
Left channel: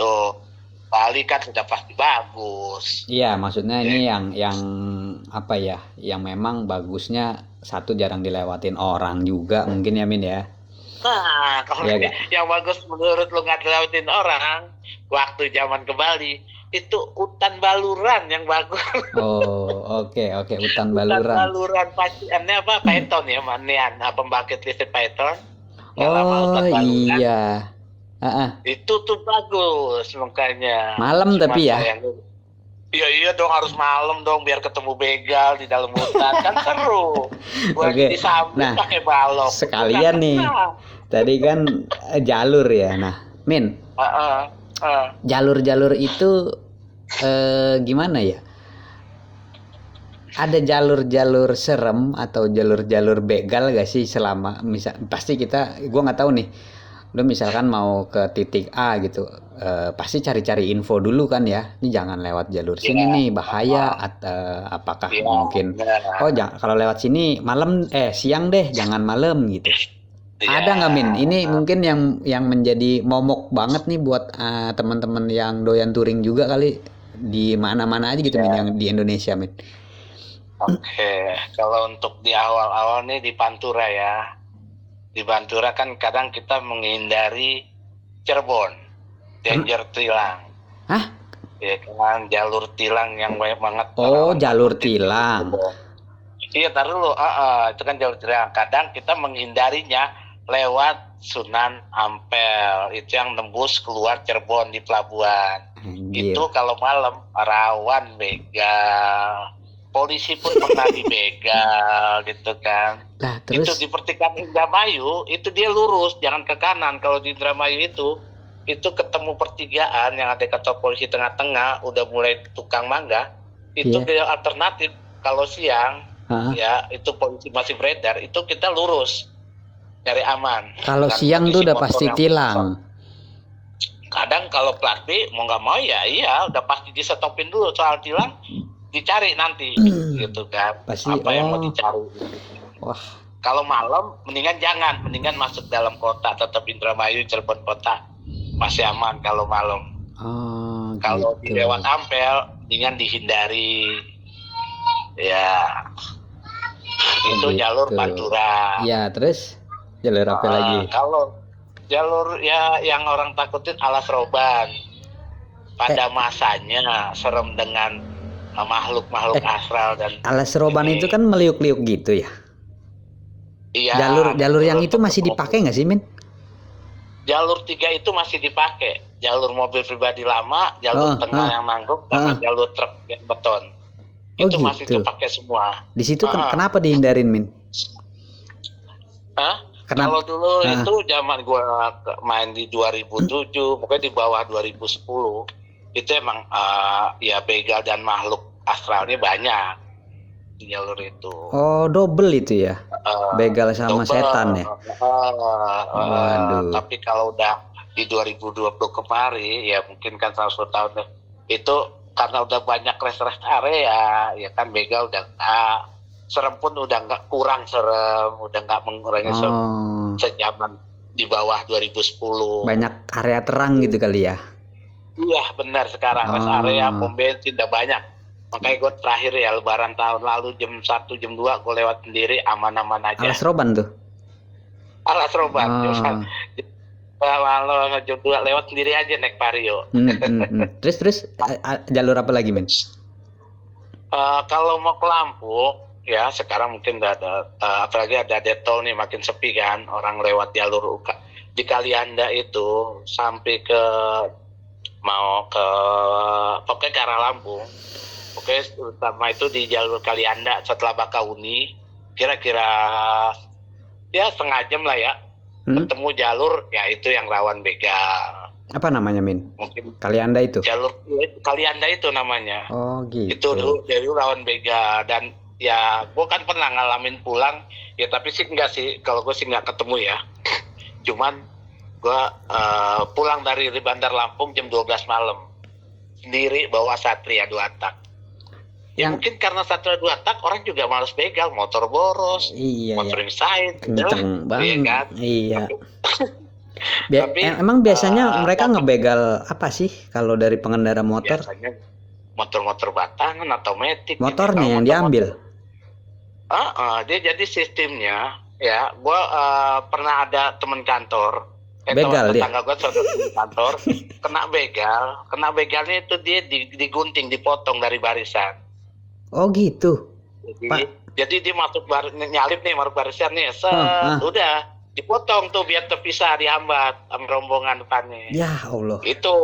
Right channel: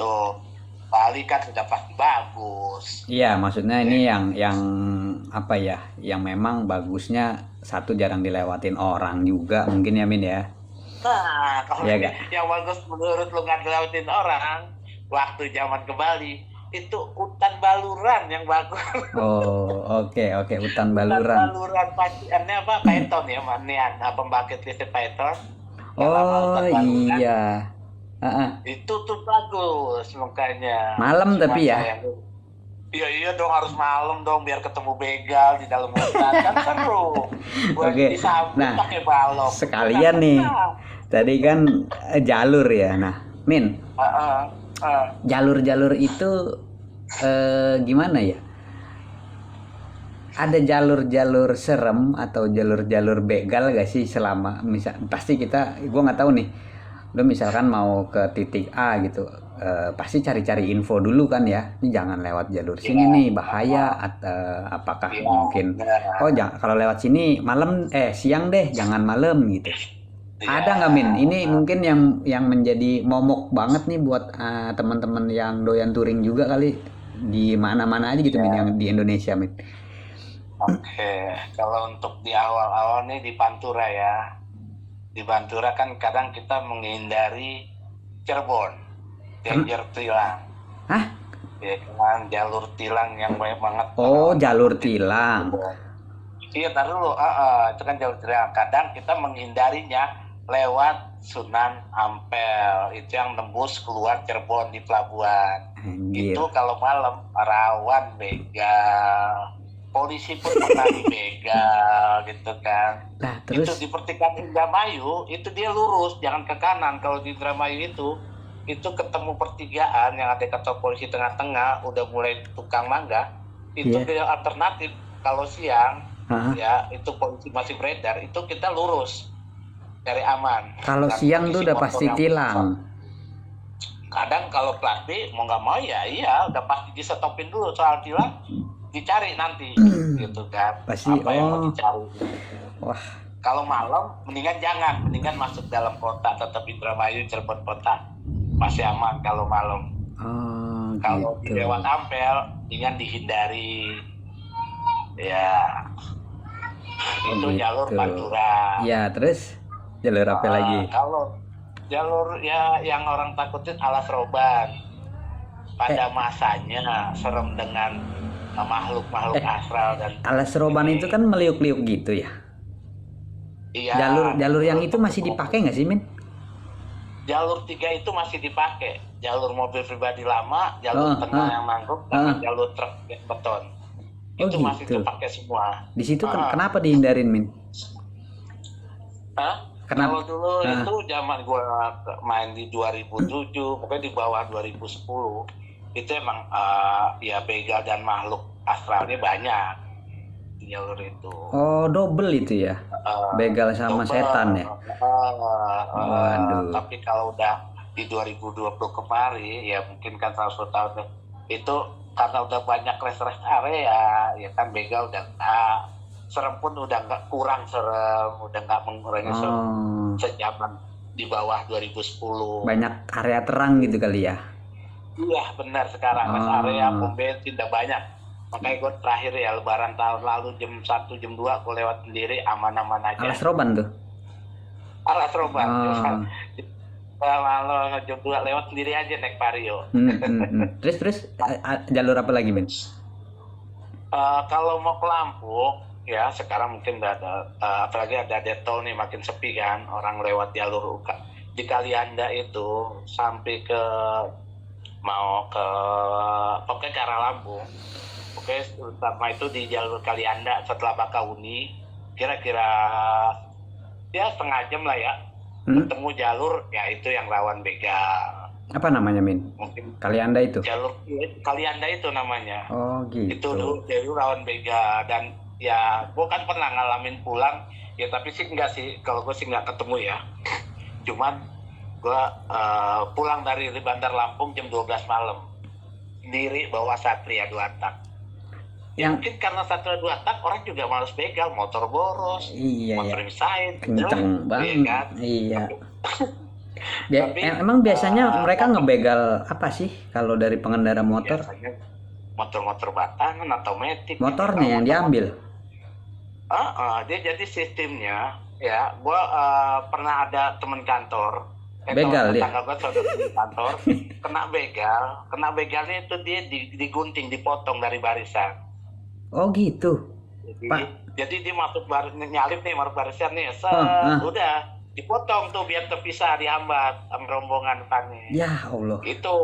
Tuh Bali kan sudah pasti bagus. Iya, maksudnya ini yang apa ya? Yang memang bagusnya satu jarang dilewatin orang juga mungkin ya Min ya. Nah, kalau yang bagus menurut lu nggak dilewatin orang, waktu zaman ke Bali itu hutan baluran yang bagus. Oh, oke, hutan baluran. Hutan baluran paciannya apa? Python ya, manian, pembangkit listrik Python. Oh iya. Itu tuh bagus makanya. Malam tapi ya. Iya dong, harus malam dong biar ketemu begal di dalam hutan kan seru. Oke. Nah, pakai balok. Sekalian nih. Tadi kan jalur ya. Nah, Min. Jalur-jalur itu gimana ya? Ada jalur-jalur serem atau jalur-jalur begal gak sih selama pasti gue nggak tahu nih. Lu misalkan mau ke titik A gitu, pasti cari-cari info dulu kan ya. Ini jangan lewat jalur sini nih, bahaya. Atau apakah mungkin kalau lewat sini malam siang deh, jangan malam gitu. Ada nggak Min? Ini mungkin yang menjadi momok banget nih buat teman-teman yang doyan touring juga kali di mana-mana aja gitu Min, yang di Indonesia Min. Oke, kalau untuk di awal-awal nih di Pantura ya. Di Pantura kan kadang kita menghindari Cirebon, danger tilang. Hah? Ya kan, jalur tilang yang banyak banget. Oh, jalur tilang. Iya, taruh dulu. Itu kan jalur tilang. Kadang kita menghindarinya lewat Sunan Ampel. Itu yang tembus keluar Cirebon di pelabuhan. Itu kalau malam rawan begal. polisi pun pernah dibegal gitu kan. Nah, Itu terus di pertigaan Indramayu itu dia lurus, jangan ke kanan. Kalau di Indramayu itu ketemu pertigaan yang ada kantor polisi tengah-tengah, udah mulai tukang mangga, itu Iya. dia alternatif. Kalau siang ah, ya itu polisi masih beredar, itu kita lurus cari aman. kalau Dan siang tuh kondisi udah motor pasti yang tilang. kadang kalau plat B mau nggak mau ya iya udah pasti disetopin dulu, soal tilang dicari nanti gitu kan, Pasti, apa yang mau oh. dicari. Wah, Kalau malam mendingan masuk dalam kota, tetap Indramayu, Cirebon kota masih aman kalau malam. oh Kalau di gitu. lewat Ampel mendingan dihindari ya. Itu gitu. jalur Pantura. Ya, terus jalur apa lagi? Kalau jalur ya yang orang takutin Alas Roban, pada masanya serem dengan makhluk-makhluk astral dan Alas Roban itu kan meliuk-liuk gitu ya. iya, Jalur yang itu masih dipakai nggak sih, Min? Jalur 3 itu masih dipakai. Jalur mobil pribadi lama, jalur tengah yang nanggung, sama jalur truk beton. Oh, Itu masih gitu. dipakai semua. Di situ kenapa dihindarin, Min? Hah? Kenapa? Kalau dulu itu zaman gua main di 2007, pokoknya di bawah 2010, itu emang ya begal dan makhluk astralnya banyak di jalur itu. Oh, double itu ya. Begal sama Double. setan ya. Waduh. Tapi kalau udah di 2020 kemarin, ya mungkin kan 100 tahun itu karena udah banyak rest area, ya kan begal udah serem pun udah nggak kurang serem, udah nggak mengurangi serem sejaman di bawah 2010. Banyak area terang gitu kali ya. Iya benar, sekarang rest area pom bensin udah banyak. Makanya gue terakhir ya lebaran tahun lalu jam 1 jam 2 gue lewat sendiri aman-aman aja. Alas Roban tuh. Alas Roban. Kalau jam 2 lewat sendiri aja naik Vario. Terus jalur apa lagi, Men? Kalau mau ke Lampung ya sekarang mungkin udah ada apalagi ada detol nih, makin sepi kan orang lewat jalur di Kalianda itu sampai ke mau ke pokoknya ke arah Lampung. Oke, utama itu di jalur Kalianda setelah Bakauni, kira-kira ya setengah jam lah ya, ketemu jalur ya itu yang rawan begal. Apa namanya, Min? Mungkin Kalianda itu. Jalur Kalianda itu namanya. Oh gitu. Itu dulu rawan begal dan ya gue kan pernah ngalamin pulang ya, tapi sih enggak sih, kalau gue sih nggak ketemu ya. Cuman gue pulang dari Bandar Lampung jam 12 malam sendiri bawa Satria 2 tak. Ya mungkin karena Satria 2 tak orang juga males begal, motor boros, motor misain, kenceng banget. Kan? Iya. Emang biasanya mereka ngebegal apa sih kalau dari pengendara motor? Biasanya motor-motor batangan atau metik. Motornya yang diambil. Dia jadi sistemnya ya. Gua pernah ada teman kantor, begal dia. Tetangga gua teman kantor kena begal. Kena begalnya itu dia digunting, dipotong dari barisan. Oh gitu. Jadi dia masuk nyalip nih, masuk barisan nih, udah dipotong tuh biar terpisah, dihambat sama rombongan depannya. Ya Allah. Itu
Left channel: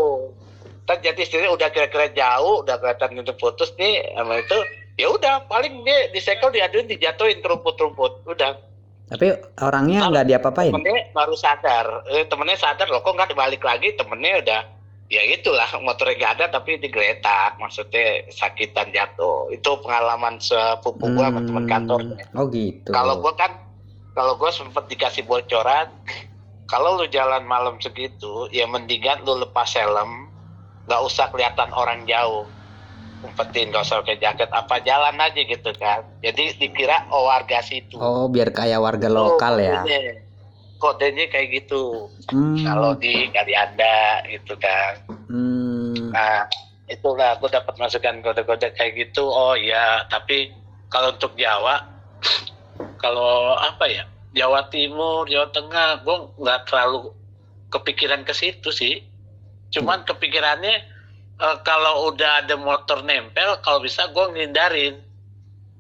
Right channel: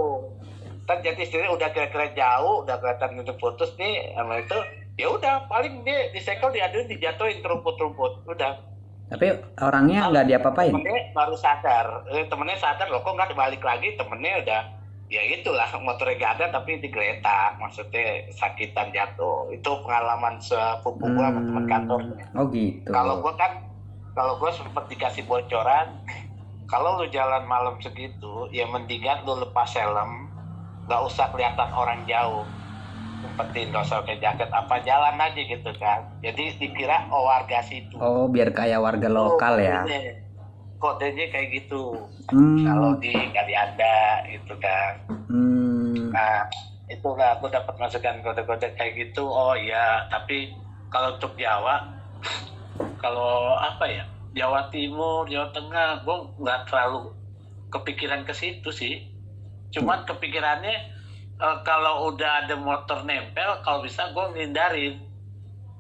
jadi istilahnya udah kira-kira jauh, udah kelihatan itu putus nih, sama itu ya udah paling dia disekel, diaduin, dijatuhin ke rumput-rumput, udah. Tapi orangnya nggak diapa-apain. Temennya baru sadar, temennya sadar loh kok nggak balik lagi, temennya udah ya itulah motornya nggak ada tapi digeletak, maksudnya sakitan jatuh. Itu pengalaman sepupu gua sama teman kantornya. Oh gitu. Kalau gue sempat dikasih bocoran, kalau lu jalan malam segitu, ya mendingan lu lepas helm, nggak usah kelihatan orang jauh, umpetin, nggak usah pakai jaket, apa jalan aja gitu kan. Jadi dikira warga situ. Oh, biar kayak warga lokal ya. Kodenya kayak gitu. Kalau di Kalianda gitu kan. Nah, itulah gue dapat masukan kode-kode kayak gitu. Oh iya, tapi kalau untuk Jawa, kalau apa ya, Jawa Timur, Jawa Tengah, gue nggak terlalu kepikiran ke situ sih. Cuman kepikirannya kalau udah ada motor nempel, kalau bisa gue ngindarin.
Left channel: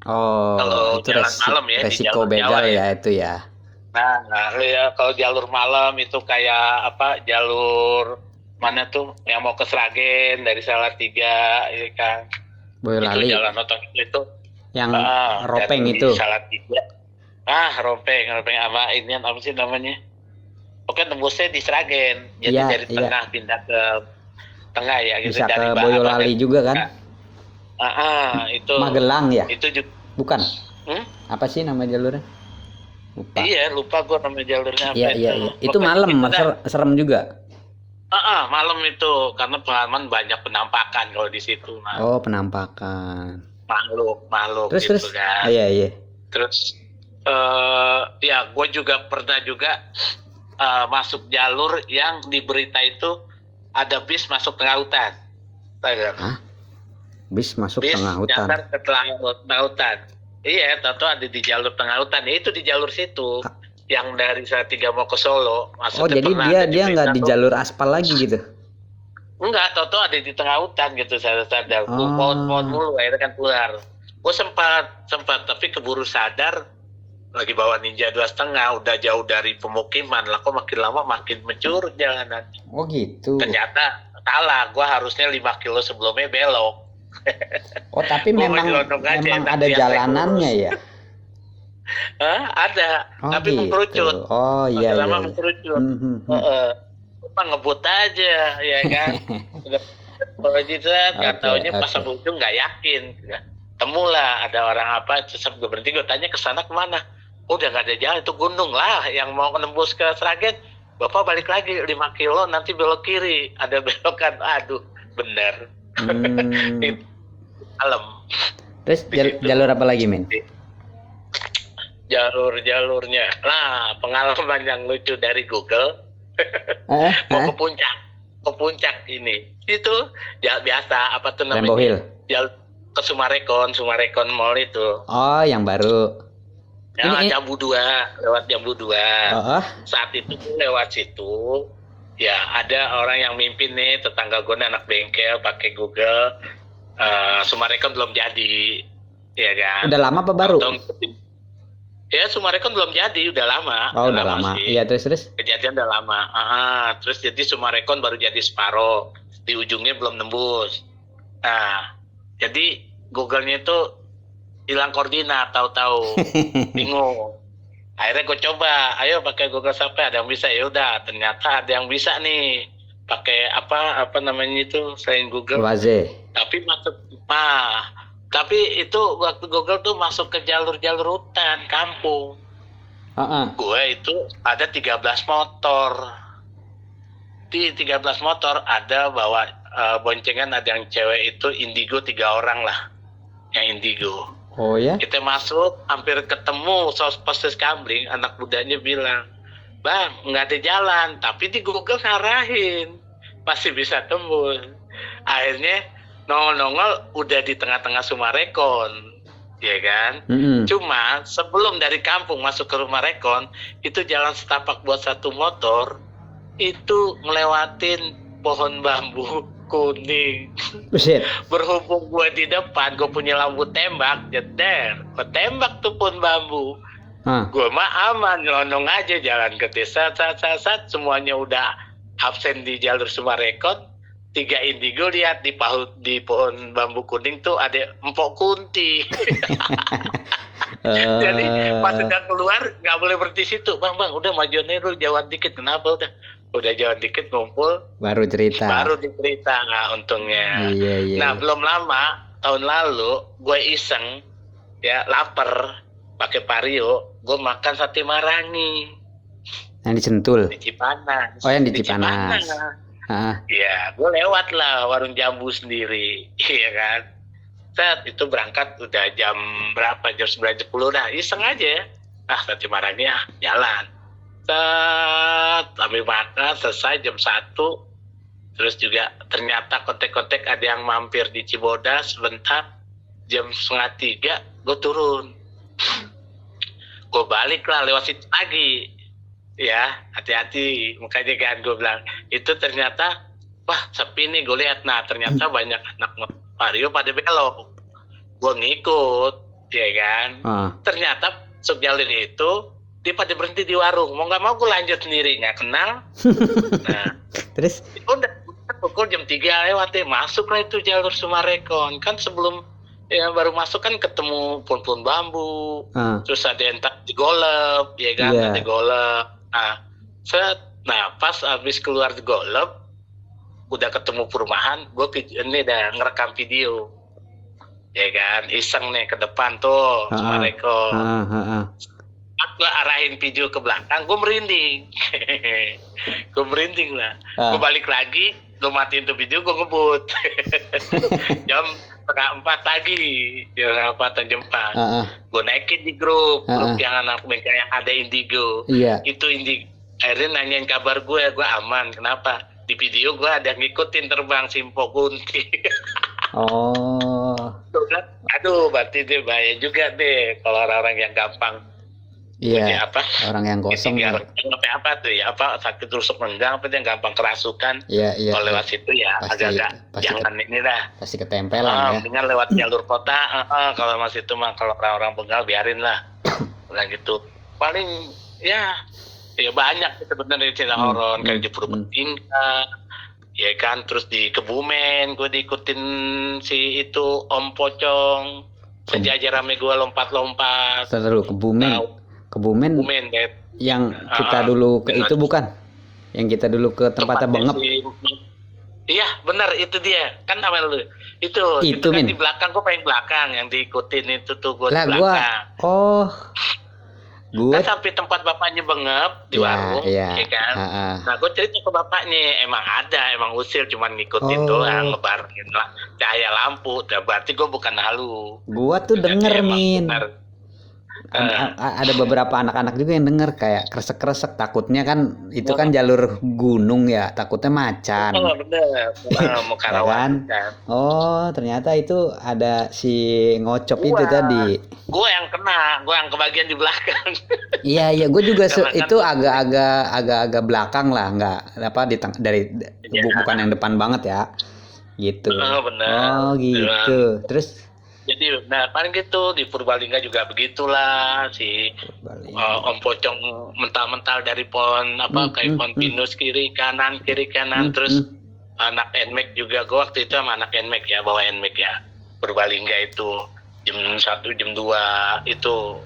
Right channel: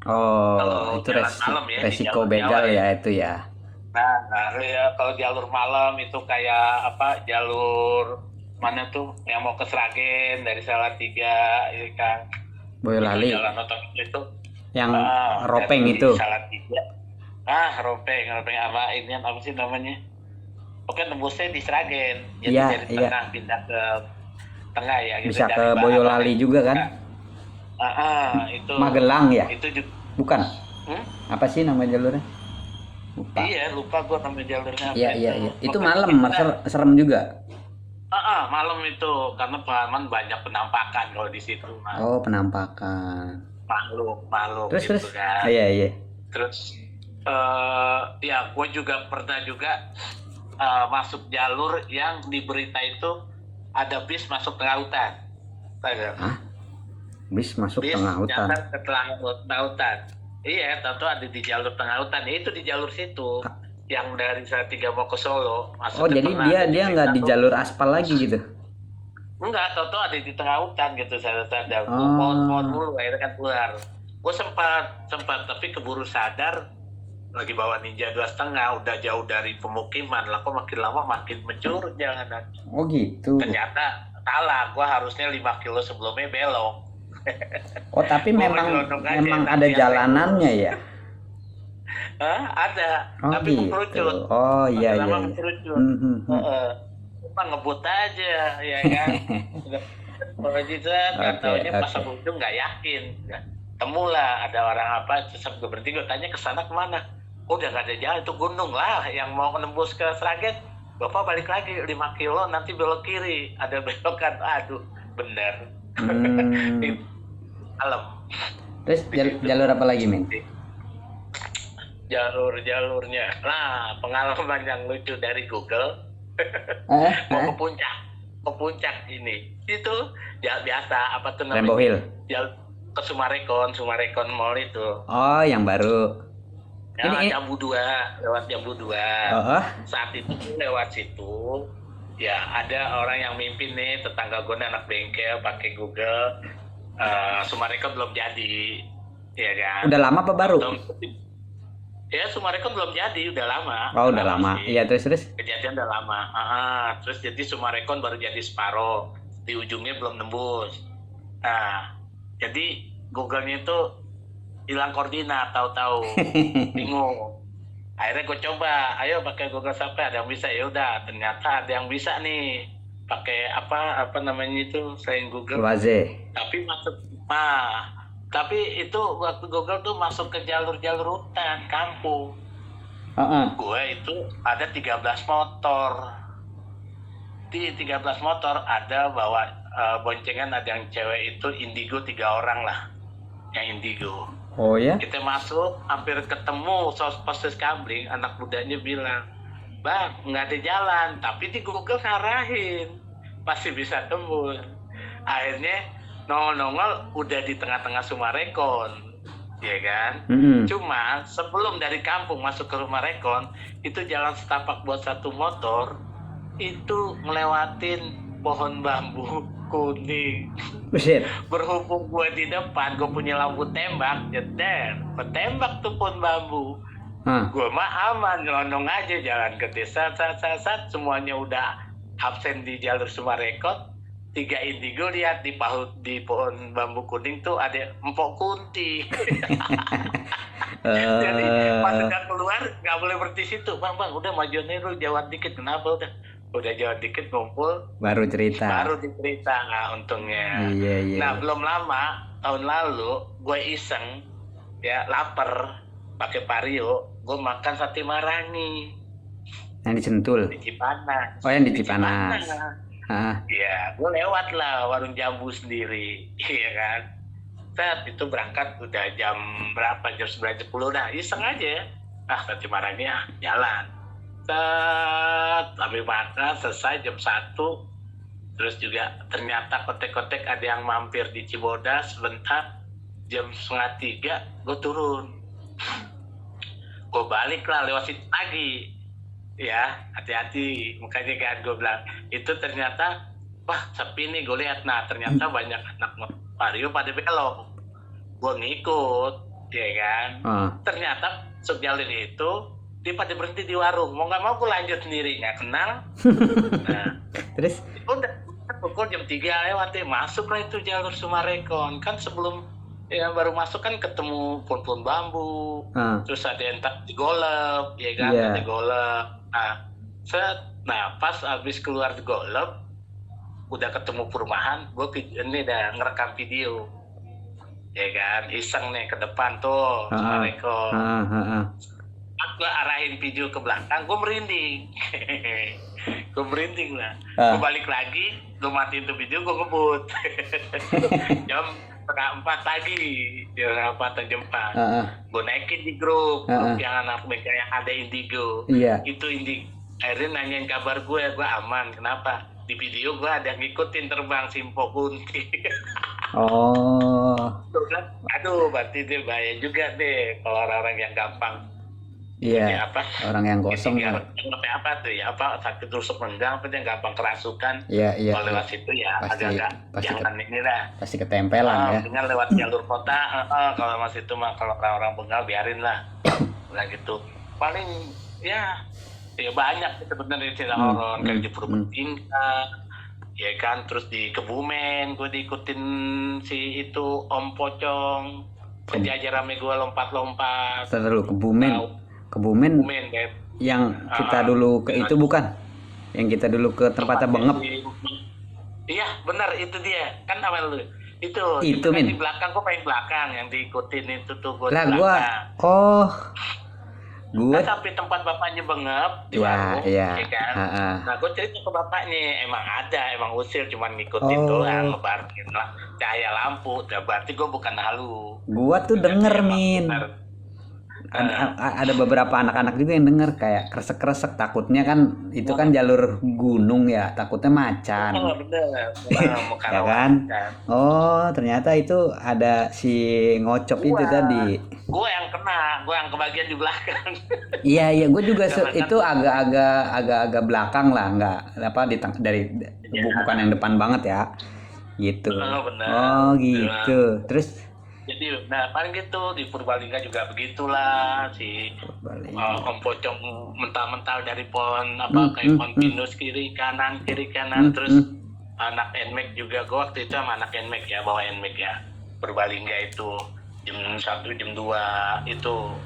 Oh, kalau itu malam ya, resiko begal ya itu ya. Nah ya, kalau jalur malam itu kayak apa, jalur mana tuh yang mau ke Sragen dari Salatiga, ya kan. Boyolali. Itu jalan otomatis itu yang Ropeng dari itu. Salatiga. Ropeng apa ini apa sih namanya? Oke, tembusnya di Sragen. Jadi Iya, dari iya. tengah pindah ke tengah ya gitu, Bisa dari ke Boyolali juga kan? itu. Magelang ya? Itu juga. Bukan. Apa sih nama jalurnya? Lupa. Iya, lupa gua nama jalurnya apa Iya, itu. iya, iya. Itu Pokoknya malam, serem juga. malam itu karena pengalaman banyak penampakan kalau di situ. Oh, penampakan. Makhluk Terus, gitu terus. kan. Iya, iya. Terus ya gue juga pernah masuk jalur yang di berita itu ada bis masuk tengah hutan. Tahu nggak? Bis masuk Bis tengah hutan. nyasar ke tengah hutan. Iya, tahu ada di jalur tengah hutan. Ya, itu di jalur situ. Yang dari Salatiga mau ke Solo. Oh, jadi dia nggak di jalur aspal lagi gitu? Enggak, tahu ada di tengah hutan gitu. Sadar. Pohon-pohon mulu, akhirnya kan keluar. Gue sempat tapi keburu sadar lagi bawa Ninja 2,5, udah jauh dari pemukiman lah, kok makin lama makin mencurut jalanan. Oh gitu. Ternyata salah, gue harusnya 5 kilo sebelumnya belok. Oh, tapi memang ada jalanannya ya? Ada, Oh, tapi gitu. mengkerucut. Oh iya, iya. Lama mengkerucut. Ngebut aja ya kan. Kalau gitu nggak taunya pas ujung nggak yakin. Temulah ada orang apa, terus gue berhenti, gue tanya ke sana kemana. Udah nggak ada jalan, itu gunung lah yang mau nembus ke Sragen. Bapak balik lagi 5 kilo nanti belok kiri, ada belokan. Aduh, bener. Alam. Terus jalur apa lagi, men? Jalurnya. Nah, pengalaman yang lucu dari Google. Mau ke puncak ini. Itu ya biasa apa tuh namanya? Rainbow Hill. Ke Sumarekon Mall itu. Oh, yang baru. Ya, lewat Jambu 2. Saat itu lewat situ, ya ada orang yang mimpin nih, tetangga gue anak bengkel pakai Google. Sumarekon belum jadi, ya kan? Udah lama apa baru? Ya, Sumarekon belum jadi, udah lama. Oh, udah lama. Iya, terus? Kejadian udah lama. Terus jadi Sumarekon baru jadi separoh, di ujungnya belum nembus. Nah, jadi Google-nya itu hilang koordinat, tahu-tahu bingung. Akhirnya gue coba, ayo pakai Google Sampai, ada yang bisa. Ya udah, ternyata ada yang bisa nih pakai apa namanya itu selain Google. Waze. Tapi itu waktu Google tuh masuk ke jalur-jalur hutan kampung. Gue itu ada 13 motor. Di 13 motor ada bawa boncengan, ada yang cewek itu indigo 3 orang lah, yang indigo. Oh ya? Kita masuk, hampir ketemu Postis Kambling, anak mudanya bilang, Bang, nggak ada jalan, tapi di Google ngarahin, pasti bisa tembus. Akhirnya nongol-nongol udah di tengah-tengah Sumarekon, ya kan? Cuma sebelum dari kampung masuk ke rumah Rekon, itu jalan setapak buat satu motor, itu ngelewatin pohon bambu kuning. Buset. Berhubung gue di depan, gue punya lampu tembak, jeder, ketembak tuh pohon bambu. Gue mah aman, nyelonong aja jalan ke desa, semuanya udah absen di jalur Sumarekon. 3 indigo lihat di pohon bambu kuning tuh ada empok kunti. Jadi pas udah keluar nggak boleh berhenti situ, bang udah majuannya lu jauhan dikit. Kenapa udah jauhan dikit ngumpul baru dicerita untungnya. Iya. Nah, belum lama tahun lalu gue iseng ya, lapar pakai Vario, gue makan sate Marangi yang di Sentul, di Cipanas. Oh, yang di Cipanas. Iya, gue lewat lah warung jambu sendiri, iya kan. Saat itu berangkat udah jam berapa, jam 9:10, nah iseng aja, sate Marangi jalan. Sambil makan selesai jam 1. Terus juga ternyata kontek-kontek ada yang mampir di Cibodas sebentar. Jam 2:30 gue turun. Gue balik lah lewat situ lagi. Ya, hati-hati. Makanya kan gue bilang, itu ternyata, wah sepi nih gue lihat. Nah, ternyata banyak anak Vario pada belok. Gue ngikut, ya kan. Ternyata jalur itu, dia pada berhenti di warung. Mau nggak mau gue lanjut sendiri, nggak kenal. Nah, terus udah pukul jam 3 lewat deh, masuk lah itu jalur Sumarekon. Kan sebelum Ya baru masuk kan ketemu pohon-pohon bambu, terus ada yang tak digolep, ya kan, Iya. ada golep. Nah pas habis keluar digolep, udah ketemu perumahan, gue ini udah ngerekam video, ya kan, iseng nih ke depan tuh, sama Reko. Gue arahin video ke belakang, gue merinding, gue merinding lah. Gue balik lagi, gue matiin tuh video, gue ngebut. Jam 3:30 lagi, jam 4. Gue naikin di grup yang anak bengkel yang ada Indigo. Itu Indigo. Akhirnya nanyain kabar gue aman. Kenapa? Di video gue ada ngikutin terbang Simpo Kunti. Aduh, berarti dia bahaya juga deh kalau orang-orang yang gampang. Iya. Orang yang gosong. Apa tuh ya? Sakit rusuk renggang, apa yang gampang kerasukan. Iya. Kalau lewat situ ya agak-agak jangan ini dah. Pasti ketempelan ya. Dengan lewat jalur kota, kalau masih itu mah kalau orang-orang begal biarin lah. Nah gitu. Paling ya banyak sebenarnya cerita horor kayak di Purbalingga, ya kan, terus di Kebumen gue diikutin si itu Om Pocong, sejajar rame gue lompat-lompat. Terus Kebumen yang kita dulu ke itu bukan? Yang kita dulu ke tempatnya Bengep. Iya benar, itu dia kan apa lu itu kan di belakang, gue paling belakang yang diikutin itu tuh gue di belakang. Gue sampai tempat bapaknya Bengep di warung, ya kan. Nah gue cerita ke bapaknya, emang usil cuman ngikutin doang, ngebarin lah cahaya lampu. Berarti gue bukan halu. Gue tuh denger Min. Ada beberapa anak-anak juga yang denger kayak kresek-kresek, takutnya kan itu kan jalur gunung ya, takutnya macan. Bener. Mau kan? Ternyata itu ada si ngocop itu tadi. Gue yang kena, gue yang kebagian di belakang. Iya, gue juga itu agak belakang lah, nggak apa bukan yang depan banget ya, gitu. Bener. Gitu. Terus jadi paling gitu di Purbalingga juga begitulah si Om Pocong mental-mental dari pohon kayak pohon pinus kiri kanan terus anak NMAX juga. Gue waktu itu sama anak NMAX ya, bawa NMAX ya Purbalingga itu jam 1 jam 2 itu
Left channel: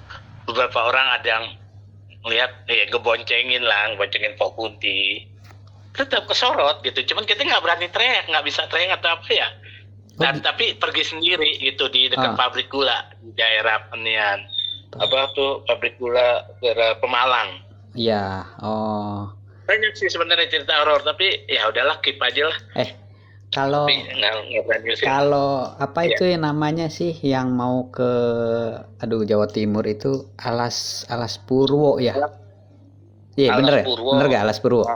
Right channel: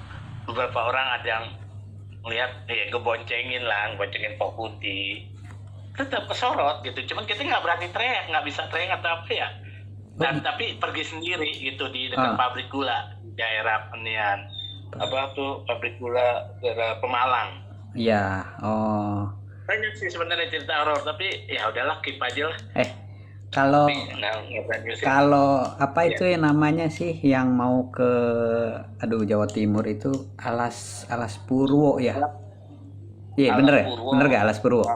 beberapa orang ada yang lihat ngeboncengin Pok Kunti, tetap kesorot gitu, cuman kita nggak berani teriak, nggak bisa teriak atau apa ya. Tapi pergi sendiri gitu di dekat pabrik gula di daerah Penian, pabrik gula daerah Pemalang. Iya. Banyak sih sebenarnya cerita horor, tapi ya udahlah, keep aja lah. Kalau itu yang namanya sih yang mau ke Jawa Timur itu Alas Purwo ya. Iya bener ya? Bener gak Alas Purwo?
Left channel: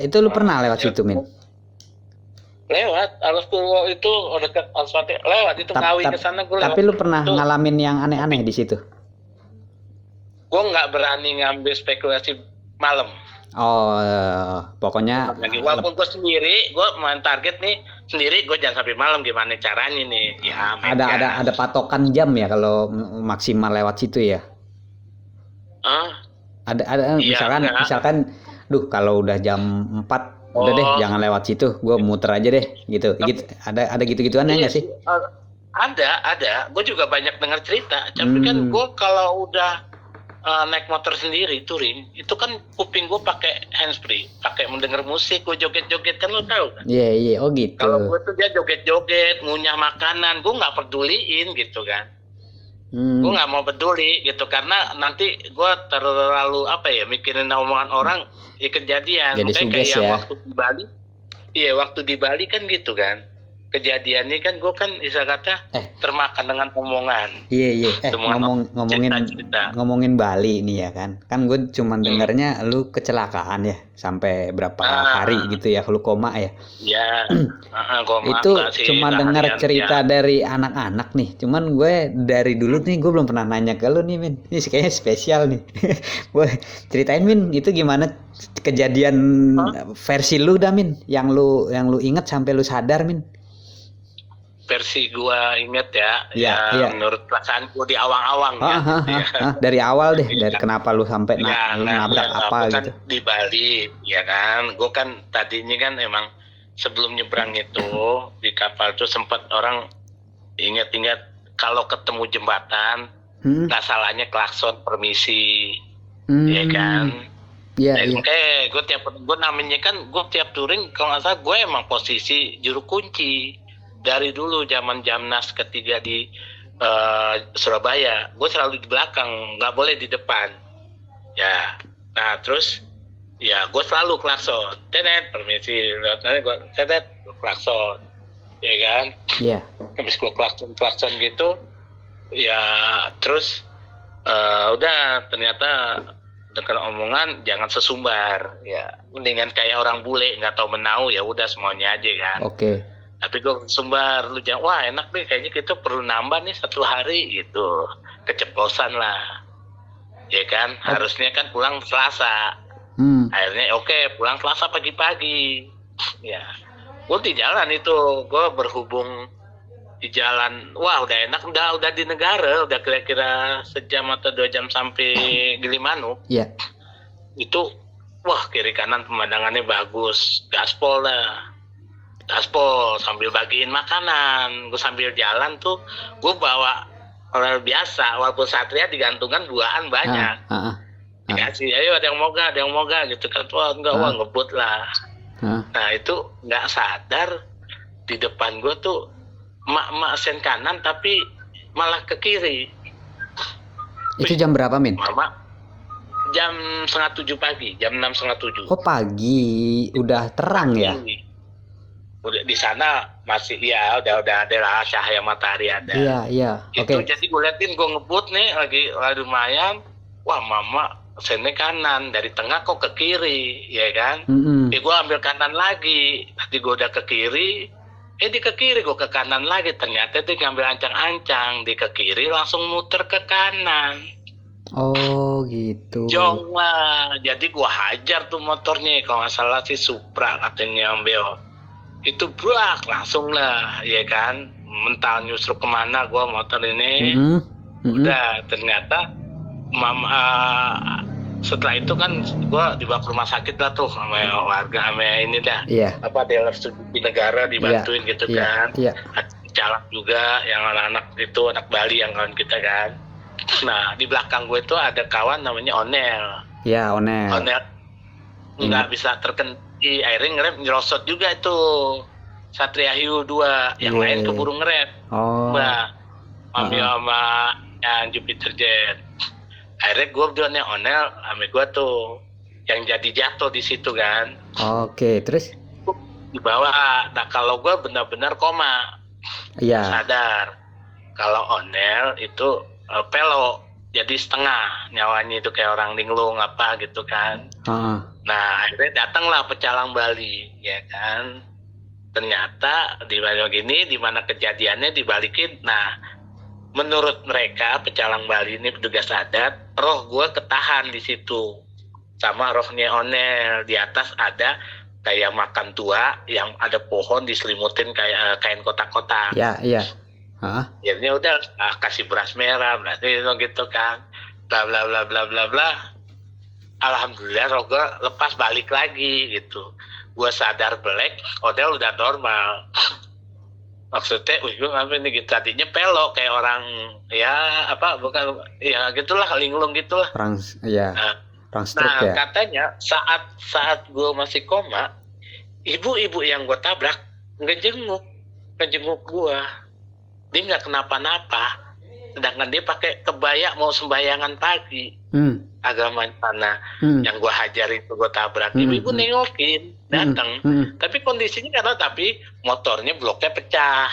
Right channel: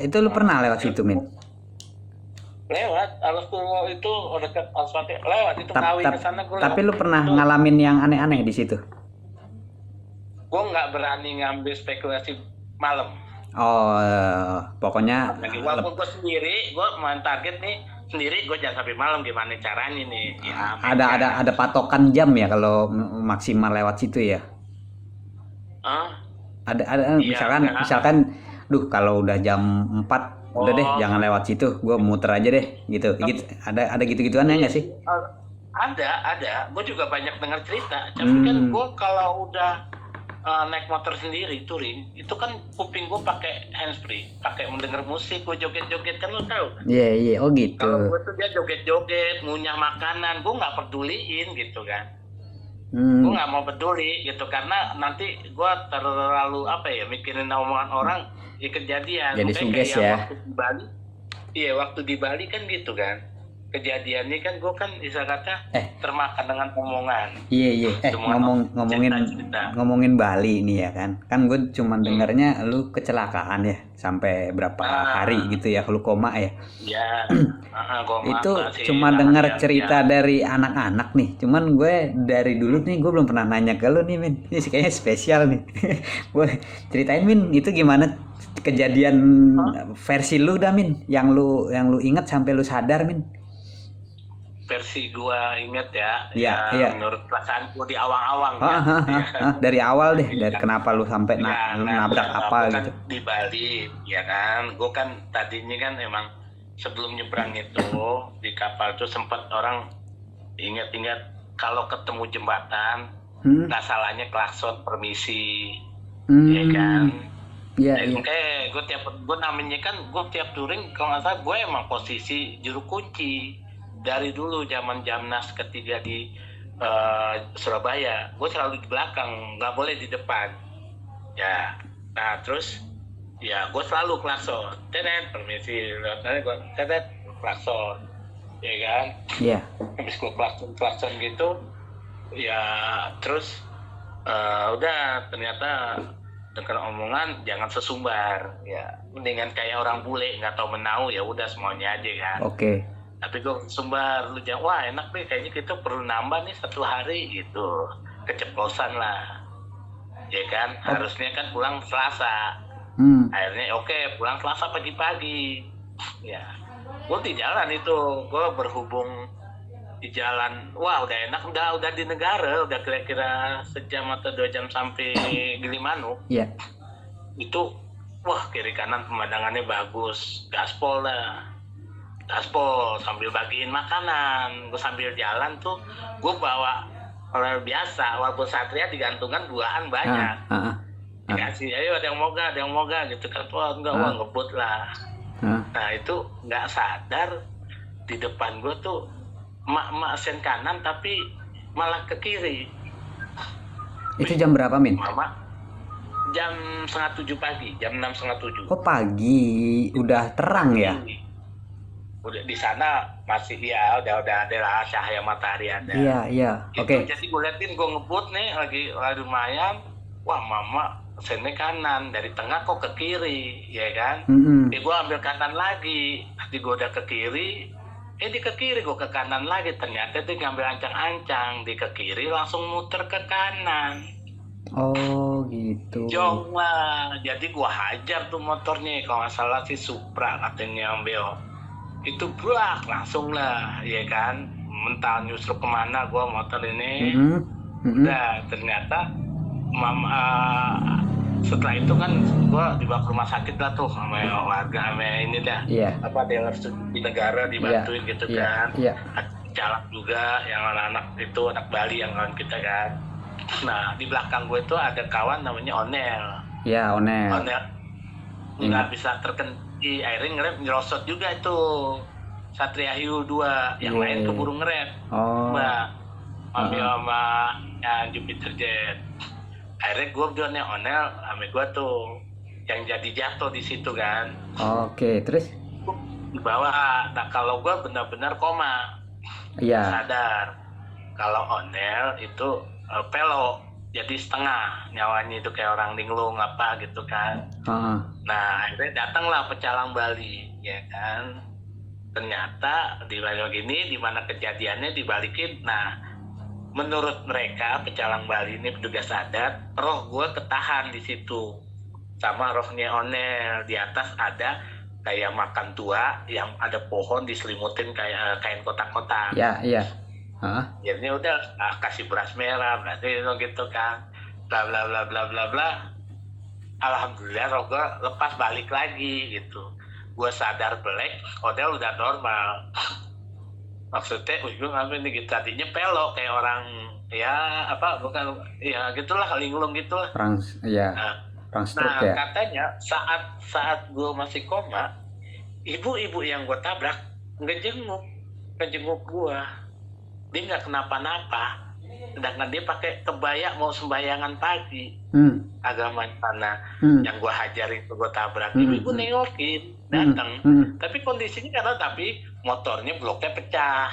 Itu lu pernah lewat situ Min? Lewat Alas Purwo itu dekat Asfalt, lewat itu Ngawi ke sana gue. Tapi lu pernah ngalamin yang aneh-aneh di situ? Gue nggak berani ngambil spekulasi malam. Pokoknya walaupun gue sendiri, gue main target nih sendiri, gue jangan sampai malam, gimana caranya nih ya. Ada patokan jam ya kalau maksimal lewat situ ya? Ada misalkan kalau udah jam 4 udah deh jangan lewat situ, gue muter aja deh gitu. Ada gitu-gituan nggak sih? Ada. Gue juga banyak dengar cerita. Tapi kan gue kalau udah naik motor sendiri touring, itu kan kuping gue pakai handsfree, pakai mendengar musik, gue joget-joget kan, lo tau kan? Iya. Oh gitu. Kalau gue tuh dia joget-joget, ngunyah makanan, gue nggak peduliin gitu kan. Gue nggak mau peduli gitu, karena nanti gue terlalu mikirin omongan orang di kejadian. Jadi suges ya. Waktu di Bali kan gitu kan, kejadiannya kan gue kan bisa kata termakan dengan omongan. Iya. Ngomongin Bali nih ya kan gue cuma dengarnya lu kecelakaan ya sampai berapa hari gitu ya, lu koma ya. Iya. Itu cuma dengar cerita dari anak-anak nih, cuman gue dari dulu nih gue belum pernah nanya ke lu nih Min. Ini kayaknya spesial nih. Gue ceritain Min, itu gimana kejadian versi lu dah Min, yang lu inget sampai lu sadar Min. Versi gua inget ya, menurut perasaan gua di awang-awang dari awal deh, dari kenapa lu sampai nabrak apa gitu. Kan di Bali ya kan, gua kan tadinya kan emang sebelum nyebrang itu di kapal tuh sempat orang ingat-ingat kalau ketemu jembatan nggak salahnya klakson permisi, ya kan? Iya, Dan iya. makanya gue namanya kan gue tiap touring kalau nggak salah gue emang posisi juru kunci dari dulu zaman Jamnas ketiga di Surabaya, gue selalu di belakang, nggak boleh di depan. Ya, nah terus ya gue selalu klakson, tenet permisi, nanti gue tenet klakson, ya kan? Iya. Habis gue klakson gitu, ya terus udah ternyata dengan omongan jangan sesumbar, ya mendingan kayak orang bule nggak tahu menau, ya udah semuanya aja kan. Oke. Tapi gue sumbar, lu jangan, wah enak nih kayaknya kita perlu nambah nih 1 hari gitu, keceplosan lah, ya kan? Harusnya kan pulang Selasa, akhirnya oke, pulang Selasa pagi-pagi, ya gue di jalan itu, gue berhubung di jalan, wah udah enak, udah di negara, udah kira-kira sejam atau 2 jam sampai Gilimanuk. Iya. Itu wah kiri kanan pemandangannya bagus, gaspol lah, gaspol sambil bagiin makanan. Gue sambil jalan tuh gue bawa orang biasa, walaupun Satria digantungan buahan banyak, dikasih ayo ada yang moga gitu kan, wah enggak, wah ngebut lah. Nah itu nggak sadar di depan gue tuh mak sen kanan tapi malah ke kiri. Itu jam berapa, Min? Mama jam 6:30 pagi, jam 6:30. Oh, pagi, udah terang ya? Udah di sana masih ya udah ada lah cahaya matahari ada. Iya. Oke. Jadi gue liatin, gue ngebut nih lagi lumayan. Wah mama sennya kanan, dari tengah kok ke kiri, ya kan? Gue ambil kanan lagi, tadi gue udah ke kiri. Di ke kiri gue ke kanan lagi, ternyata dia ngambil ancang-ancang, di ke kiri langsung muter ke kanan. Oh gitu. Jong lah, jadi gue hajar tuh motornya, kalau nggak salah sih Supra katanya ambil. Itu blak langsung lah, ya kan? Mental nyusruk kemana gue motor ini. Udah ternyata mama setelah itu kan gue dibawa ke rumah sakit lah tuh sama warga, sama ini dah, apa dealer di negara dibantuin gitu kan. Calak juga yang anak-anak itu, anak Bali yang kawan kita kan. Nah di belakang gue itu ada kawan namanya Onel. Iya, Onel nggak bisa terkendali, akhirnya ngerem nyerosot juga itu Satria Hiu 2, yang lain keburu ngerem. Mbak ambil sama yang Jupiter Jet. Akhirnya gue bilangnya Onel sama gue tuh yang jadi jatuh di situ kan. Oke, terus di bawah. Nah kalau gue benar-benar koma, sadar. Kalau Onel itu pelo, jadi setengah nyawanya itu kayak orang linglung apa gitu kan. Nah akhirnya datanglah pecalang Bali, ya kan. Ternyata di Bali gini, di mana kejadiannya dibalikin. Nah menurut mereka pecalang Bali ini petugas adat, roh gue ketahan di situ sama rohnya Onel. Di atas ada kayak makam tua yang ada pohon diselimutin kayak kain kotak-kotak. Iya. Jadinya udah kasih beras merah, berarti gitu kan, bla bla bla bla bla bla. Alhamdulillah roh gue lepas balik lagi gitu. Gue sadar belek, Onel udah normal. Maksudnya, gue ngapain nih gitu, tadinya pelok kayak orang ya apa bukan ya gitulah, linglung gitulah. Orang stroke ya. Katanya saat gue masih koma, ibu-ibu yang gue tabrak ngejenguk gue, dia nggak kenapa-napa, sedangkan dia pakai kebaya mau sembayangan pagi. Agama sana yang gue hajar itu gue tabrak, ibu nengokin datang, tapi kondisinya karena tapi motornya bloknya pecah.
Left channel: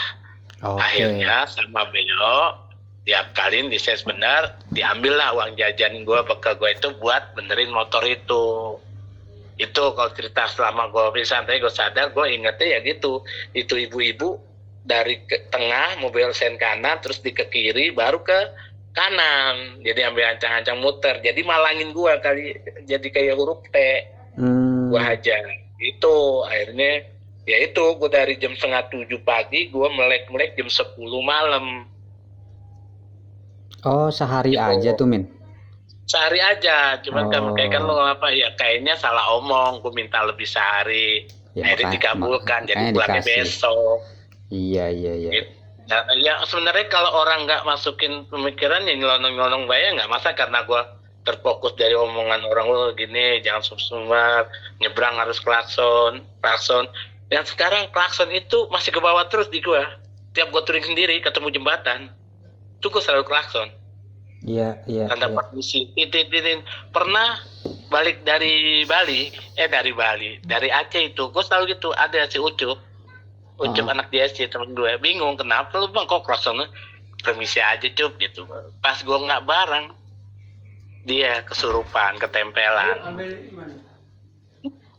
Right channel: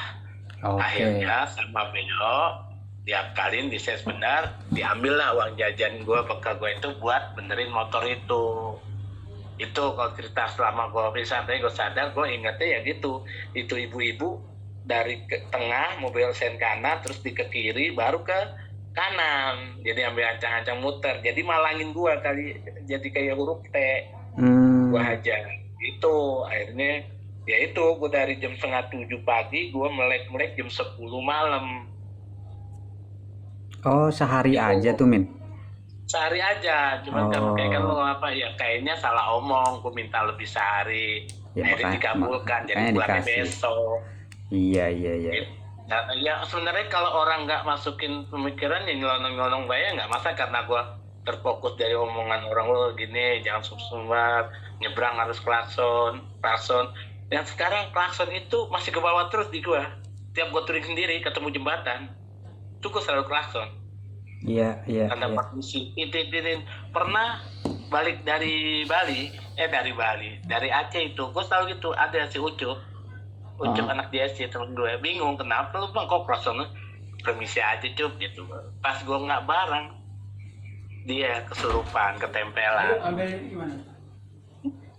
Akhirnya sama beliau diakalin, dises benar, diambil lah uang jajan gue, bekal gue itu buat benerin motor itu. Kalau cerita selama gue santai, gue sadar, gue ingetnya ya gitu, itu ibu-ibu dari ke tengah mobil sen kanan, terus di ke kiri, baru ke kanan, jadi ambil ancang-ancang muter, jadi malangin gue kali, jadi kayak huruf P. Gue hajar itu, akhirnya ya itu gue dari jam 6:30 pagi gue melek jam 10 malam. Oh, sehari aja tuh, Min? Sehari aja, cuman kayak kan lo apa ya, kayaknya salah omong, gue minta lebih sehari. Ya, akhirnya dikabulkan, jadi makanya pulangnya dikasih. besok. Iya. Nah, ya sebenarnya kalau orang nggak masukin pemikiran ya nyelonong-nyelonong bayar nggak masa, karena gue terfokus dari omongan orang lo gini, jangan sumber nyebrang harus klakson. Yang sekarang klakson itu masih ke bawah terus di gue. Tiap gue touring sendiri ketemu jembatan, itu gue selalu klakson. Iya. Tanda permisi, titin. Pernah balik dari dari Aceh itu, gue selalu gitu, ada si Ucup anak dia sih temen gue, bingung kenapa lu bang kok klaksonnya, permisi aja Cup gitu. Pas gue nggak bareng, dia kesurupan, ketempelan.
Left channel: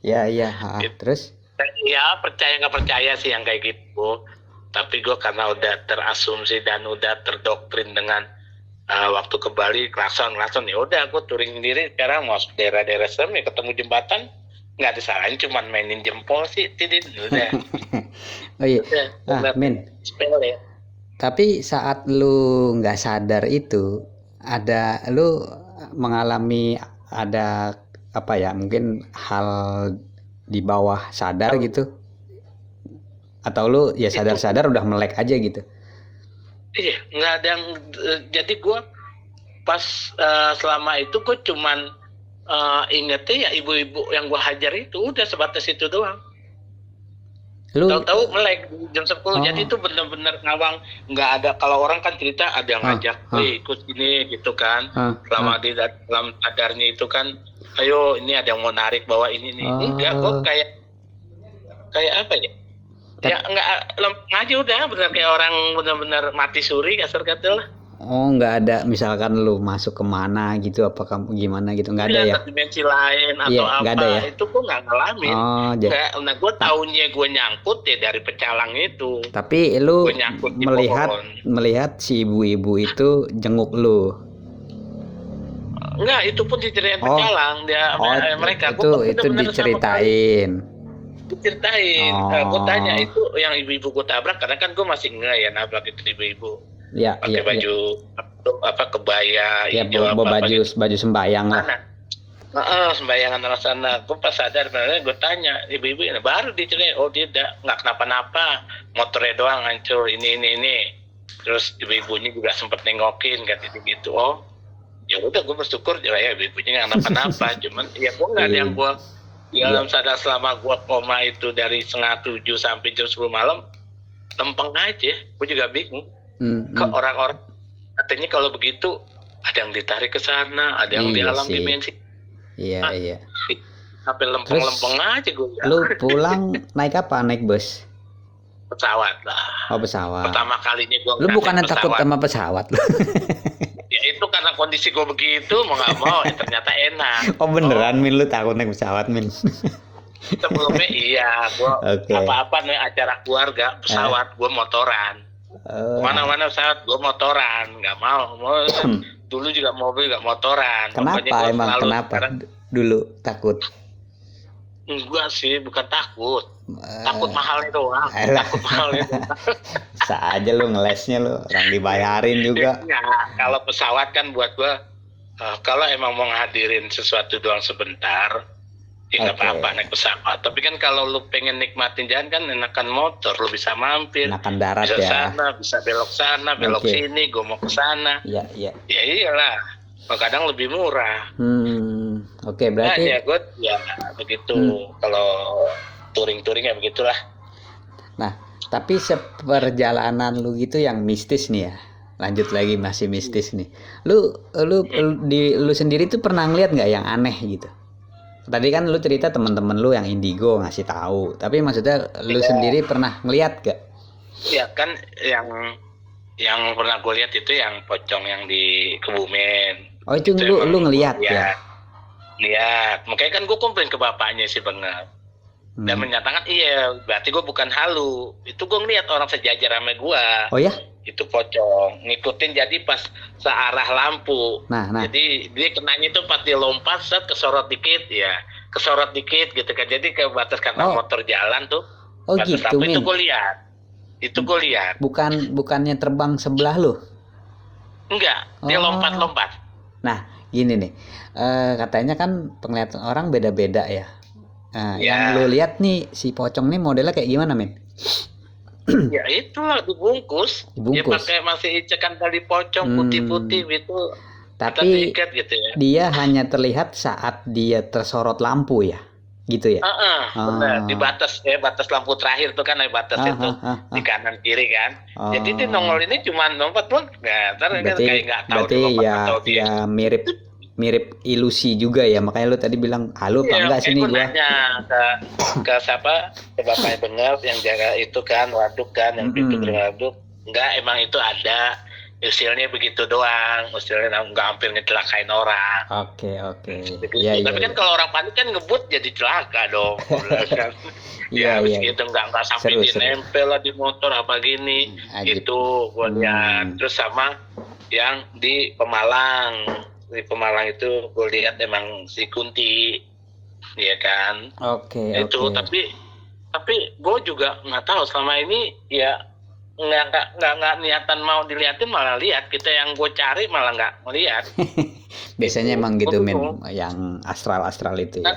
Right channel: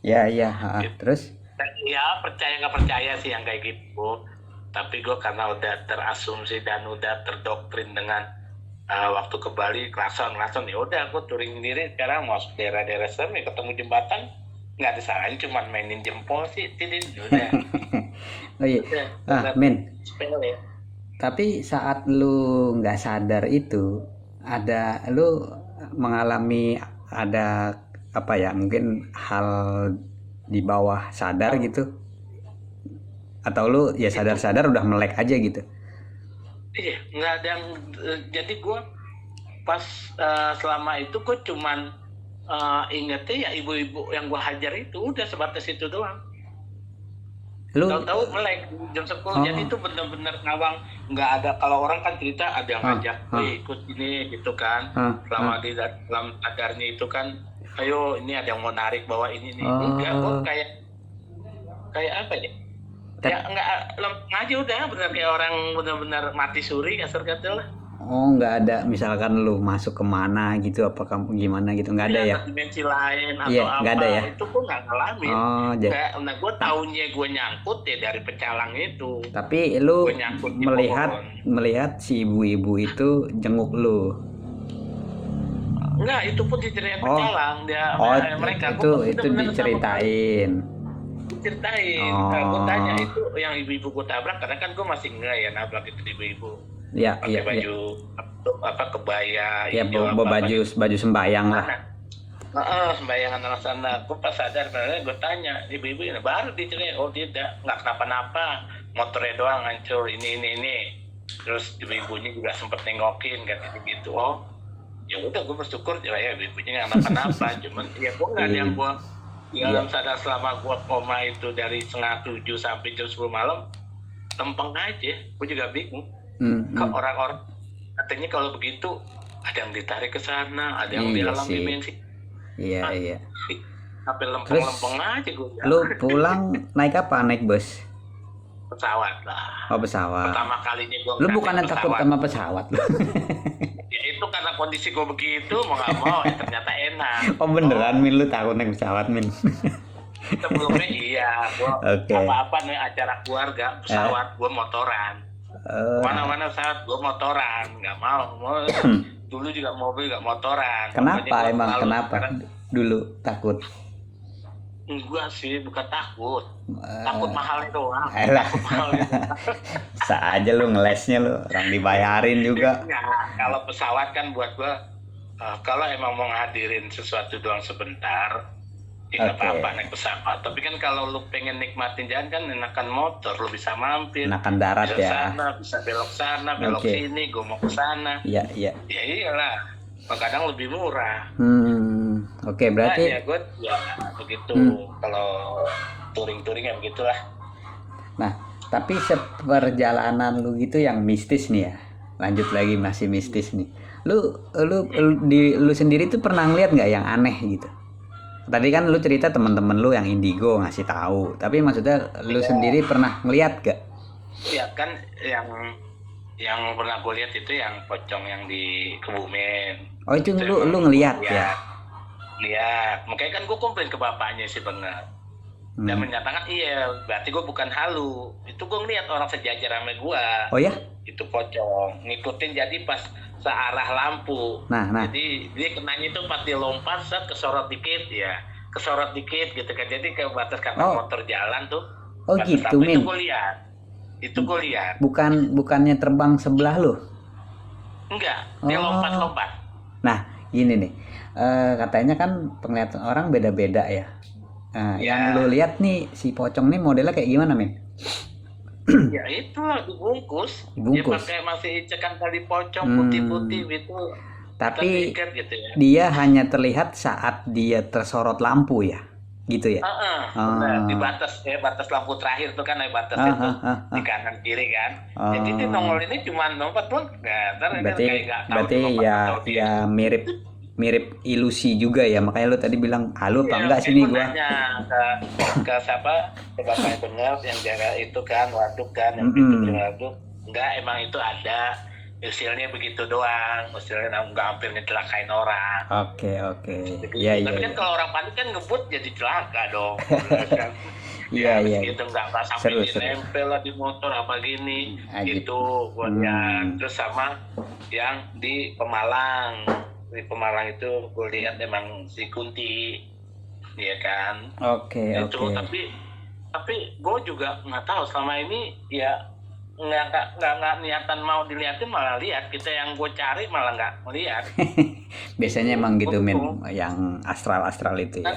Iya. Terus? Ya percaya nggak percaya sih yang kayak gitu. Tapi gue karena udah terasumsi dan udah terdoktrin dengan waktu ke Bali klakson ya udah aku touring sendiri. Sekarang mau daerah-daerah serem ya ketemu jembatan nggak disalahin, cuman mainin jempol sih, titin udah. Oh iya. Men. Sepele. Tapi saat lu nggak sadar itu, lu mengalami ada apa ya, mungkin hal di bawah sadar gitu, atau lu ya sadar udah melek aja gitu? Iya, nggak ada yang jadi gue pas selama itu gue cuman ingetnya ya ibu-ibu yang gue hajar itu, udah sebatas itu doang. Lu Tahu-tahu melek jam 10. Jadi itu benar-benar ngawang, nggak ada. Kalau orang kan cerita ada yang ngajak, ikut ini gitu kan. Selama di dalam sadarnya itu kan, ayo ini ada yang mau narik bawa ini nih. Enggak, gue kayak apa ya? Ya nggak lempeng aja udah, benar kayak orang benar-benar mati suri kasar kata lah. nggak ada misalkan lu masuk kemana gitu, apa kamu gimana gitu, nggak ada ya? Dimensi lain atau Iya, apa? nggak ada ya? Itu gue nggak ngalamin. Nggak, nah gue taunya gue nyangkut ya dari pecalang itu. Tapi lu melihat si ibu-ibu itu jenguk lu? Enggak, itu pun diceritain pecalang dia. Mereka itu diceritain. Gue tanya itu yang ibu-ibu gue tabrak, karena kan gue masih nggak ya nabrak itu ibu-ibu. Iya, pakai baju kebaya, ya, baju sembayang lah. Sembayangan arah sana. Gue pas sadar, gue tanya ibu-ibu ini, baru diceritain, oh dia nggak kenapa-napa, motornya doang hancur, ini. Terus ibu-ibunya juga sempet nengokin kayak gitu. Oh ya udah, gue bersyukur ya ibu-ibunya nggak kenapa-napa. Cuman ya gue nggak ada yang gue dalam sadar selama gue koma itu dari 6:30 sampai jam 10 malam, lempeng aja. Gue juga bingung. Ke orang-orang katanya kalau begitu ada yang ditarik ke sana, ada yang di alam dimensi. Iya. Sampai lempeng-lempeng aja gue. Lu pulang naik apa? Naik bus? Pesawat lah. Oh, pesawat. Pertama kalinya gue. Lu bukannya takut sama pesawat? Ya itu karena kondisi gue begitu, mau nggak mau ternyata enak. Oh beneran, Min, lu takut naik pesawat, Min? Sebelumnya iya, gue apa-apa nih acara keluarga pesawat, gue motoran. Mana-mana pesawat gue motoran, nggak mau. Dulu juga mobil nggak motoran. Kenapa dulu takut? Enggak sih, bukan takut. Takut mahalnya doang. Bisa aja lu ngelesnya, lu orang dibayarin juga. Nah, kalau pesawat kan buat gue, kalau emang mau ngadirin sesuatu doang sebentar, ya nggak apa-apa naik pesawat. Tapi kan kalau lu pengen nikmatin jalan kan enakan motor, lu bisa mampir. Enakan darat bisa ya. Bisa belok sana, belok sini, gue mau ke sana. Iya. Ya iyalah, kadang lebih murah. Oke, berarti. Ya gue ya begitu. Kalau touring-touring ya begitulah. Nah, tapi seperjalanan lu gitu yang mistis nih ya. Lanjut lagi, masih mistis nih. Lu sendiri tuh pernah ngeliat nggak yang aneh gitu? Tadi kan lu cerita teman-teman lu yang indigo ngasih tahu, tapi maksudnya lu sendiri pernah ngeliat gak? Ya kan yang pernah gue lihat itu yang pocong yang di Kebumen. Oh itu lu ngeliat ya? Lihat, makanya kan gue komplain ke bapaknya sih benar. Dan menyatakan iya, berarti gue bukan halu. Itu gue ngeliat orang sejajar sama gue. Oh ya? Itu pocong ngikutin, jadi pas searah lampu. Nah. Jadi dia kenanya itu pas dia lompat saat kesorot dikit gitu kan. Jadi ke batas karena motor jalan tuh. Oh gitu, Min. Itu gue lihat. Bukannya terbang sebelah lu? Enggak, dia lompat. Nah, gini nih. Katanya kan penglihatan orang beda-beda ya. Nah, Ya. yang lu lihat nih si pocong nih modelnya kayak gimana, men? Ya itulah dibungkus. Dibungkus. Dia pakai masih cekan tali pocong Hmm. putih-putih gitu. Kita Tapi tiket gitu ya. dia hanya terlihat saat dia tersorot lampu ya, gitu ya. Benar. Di batas lampu terakhir tuh kan, batas itu di kanan kiri kan. Jadi dia nongol ini cuma lompat pun ntar kan kayak nggak tahu Berarti dia lompat ya atau dia. ya mirip ilusi juga ya, makanya lu tadi bilang halo apa Iya, enggak kayak sini gue gua. nanya ke siapa, ke bapaknya bener yang jaga itu kan, waduk kan, yang Mm-mm. pintu berwaduk. Enggak, emang itu ada. Usilnya begitu doang, usilnya nggak hampir ngecelakain orang. Oke. Begitu. Iya. Tapi kan kalau orang panik kan ngebut jadi celaka dong. Kan. Iya, Habis iya. gitu nggak sampai Seru. dinempel lah di motor apa gini. Ajib. Itu gue lihat. Terus sama yang di Pemalang. Di Pemalang itu gue lihat emang si Kunti, ya kan. Oke. Itu tapi gue juga nggak tahu selama ini ya nggak niatan mau diliatin, malah lihat kita yang gue cari malah nggak ngeliat. Biasanya emang gitu, men, Betul. yang astral itu ya.